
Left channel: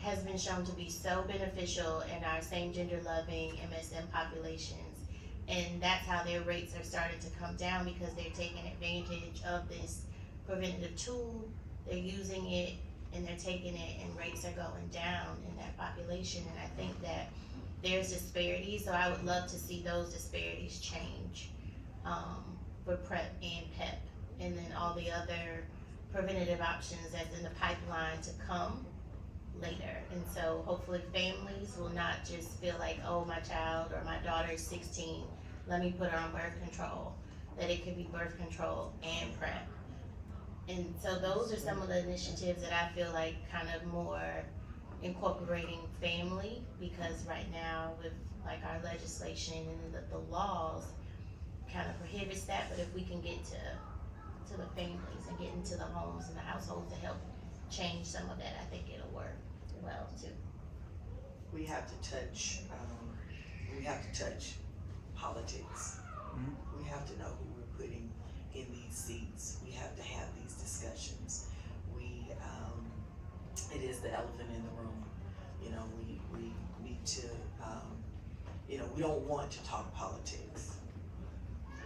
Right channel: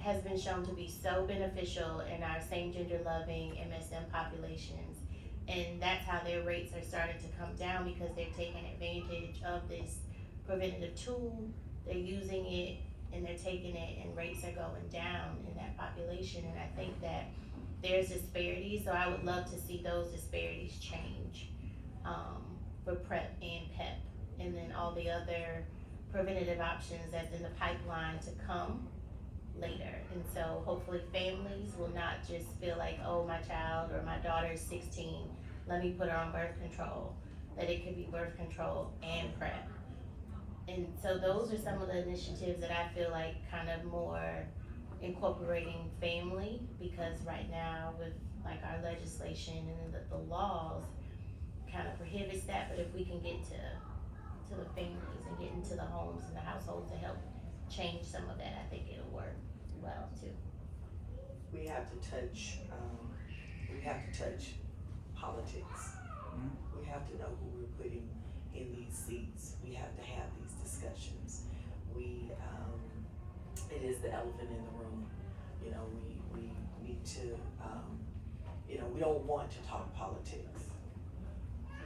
has been shown to be so beneficial in our same gender loving MSM populations. And that's how their rates are starting to come down, because they're taking advantage of this preventative tool, they're using it, and they're taking it, and rates are going down in that population. And I think that there's disparities, so I would love to see those disparities change for PrEP and PEP, and then all the other preventative options that's in the pipeline to come later. And so hopefully families will not just feel like, oh, my child or my daughter is 16, let me put her on birth control, that it could be birth control and PrEP. And so those are some of the initiatives that I feel like kind of more incorporating family, because right now with like our legislation and the laws kind of prohibits that. But if we can get to the families and get into the homes and the households to help change some of that, I think it'll work well too. We have to touch politics. We have to know who we're putting in these seats. We have to have these discussions. It is the elephant in the room. You know, we need to, you know, we don't want to talk politics.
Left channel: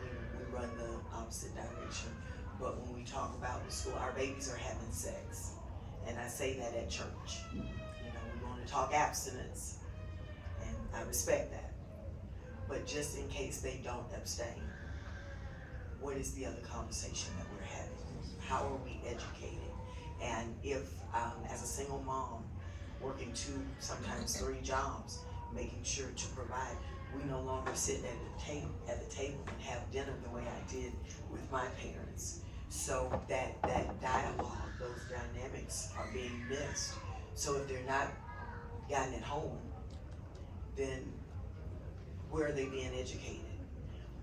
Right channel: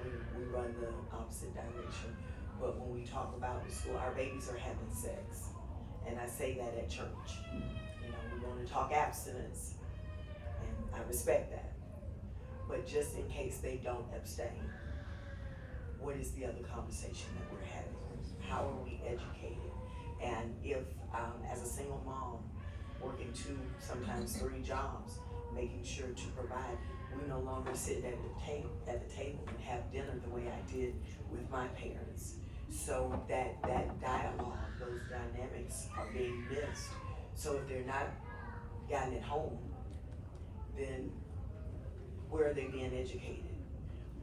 We run the opposite direction. But when we talk about the school, our babies are having sex. And I say that at church. You know, we want to talk abstinence, and I respect that. But just in case they don't abstain, what is the other conversation that we're having? How are we educated? And if, as a single mom, working 2, sometimes 3 jobs, making sure to provide, we no longer sit at the table and have dinner the way I did with my parents. So that dialogue, those dynamics are being missed. So if they're not gotten at home, then where are they being educated?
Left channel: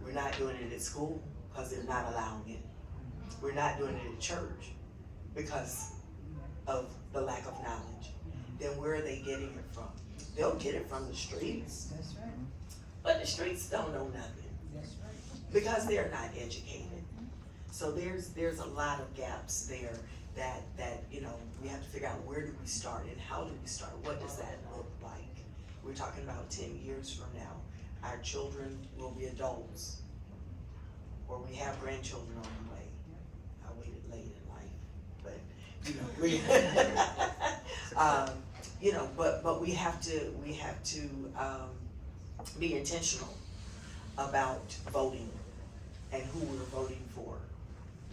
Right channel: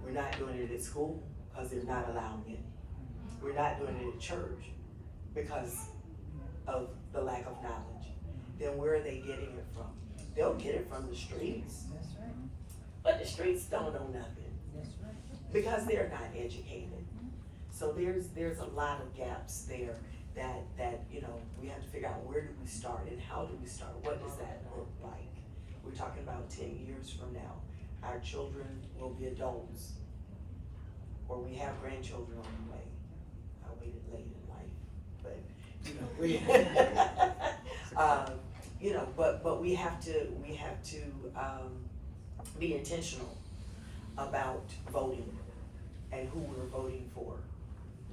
We're not doing it at school because they're not allowing it. we're not doing it at church because of the lack of knowledge, then where are they getting it from? They'll get it from the streets. But the streets don't know nothing because they're not educated. So there's a lot of gaps there that we have to figure out, where do we start and how do we start? What does that look like? We're talking about 10 years from now. Our children will be adults, or we have grandchildren on the way. I waited late in life, but but we have to be intentional about voting and who we're voting for,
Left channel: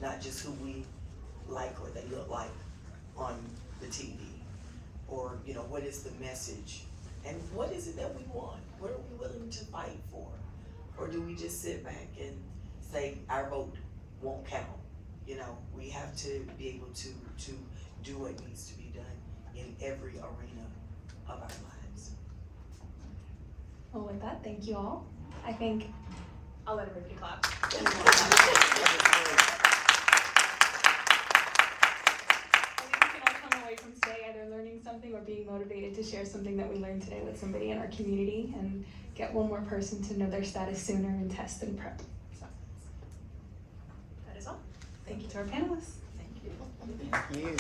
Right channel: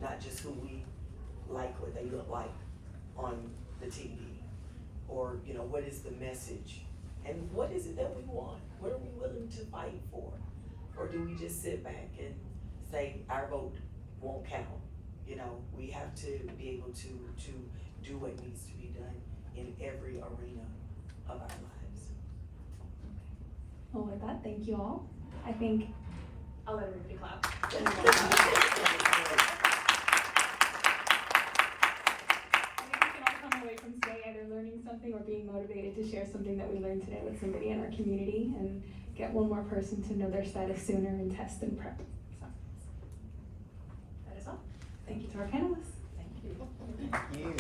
not just who we like what they look like on the TV, or what is the message and what is it that we want? What are we willing to fight for? Or do we just sit back and say our vote won't count? We have to be able to do what needs to be done in every arena of our lives. Well, with that, thank you all. I think I'll let everybody clap. If you can all come away from today either learning something or being motivated to share something that we learned today with somebody in our community and get one more person to know their status sooner and test and prep. So, that is all. Thank you to our panelists. Thank you. Thank you.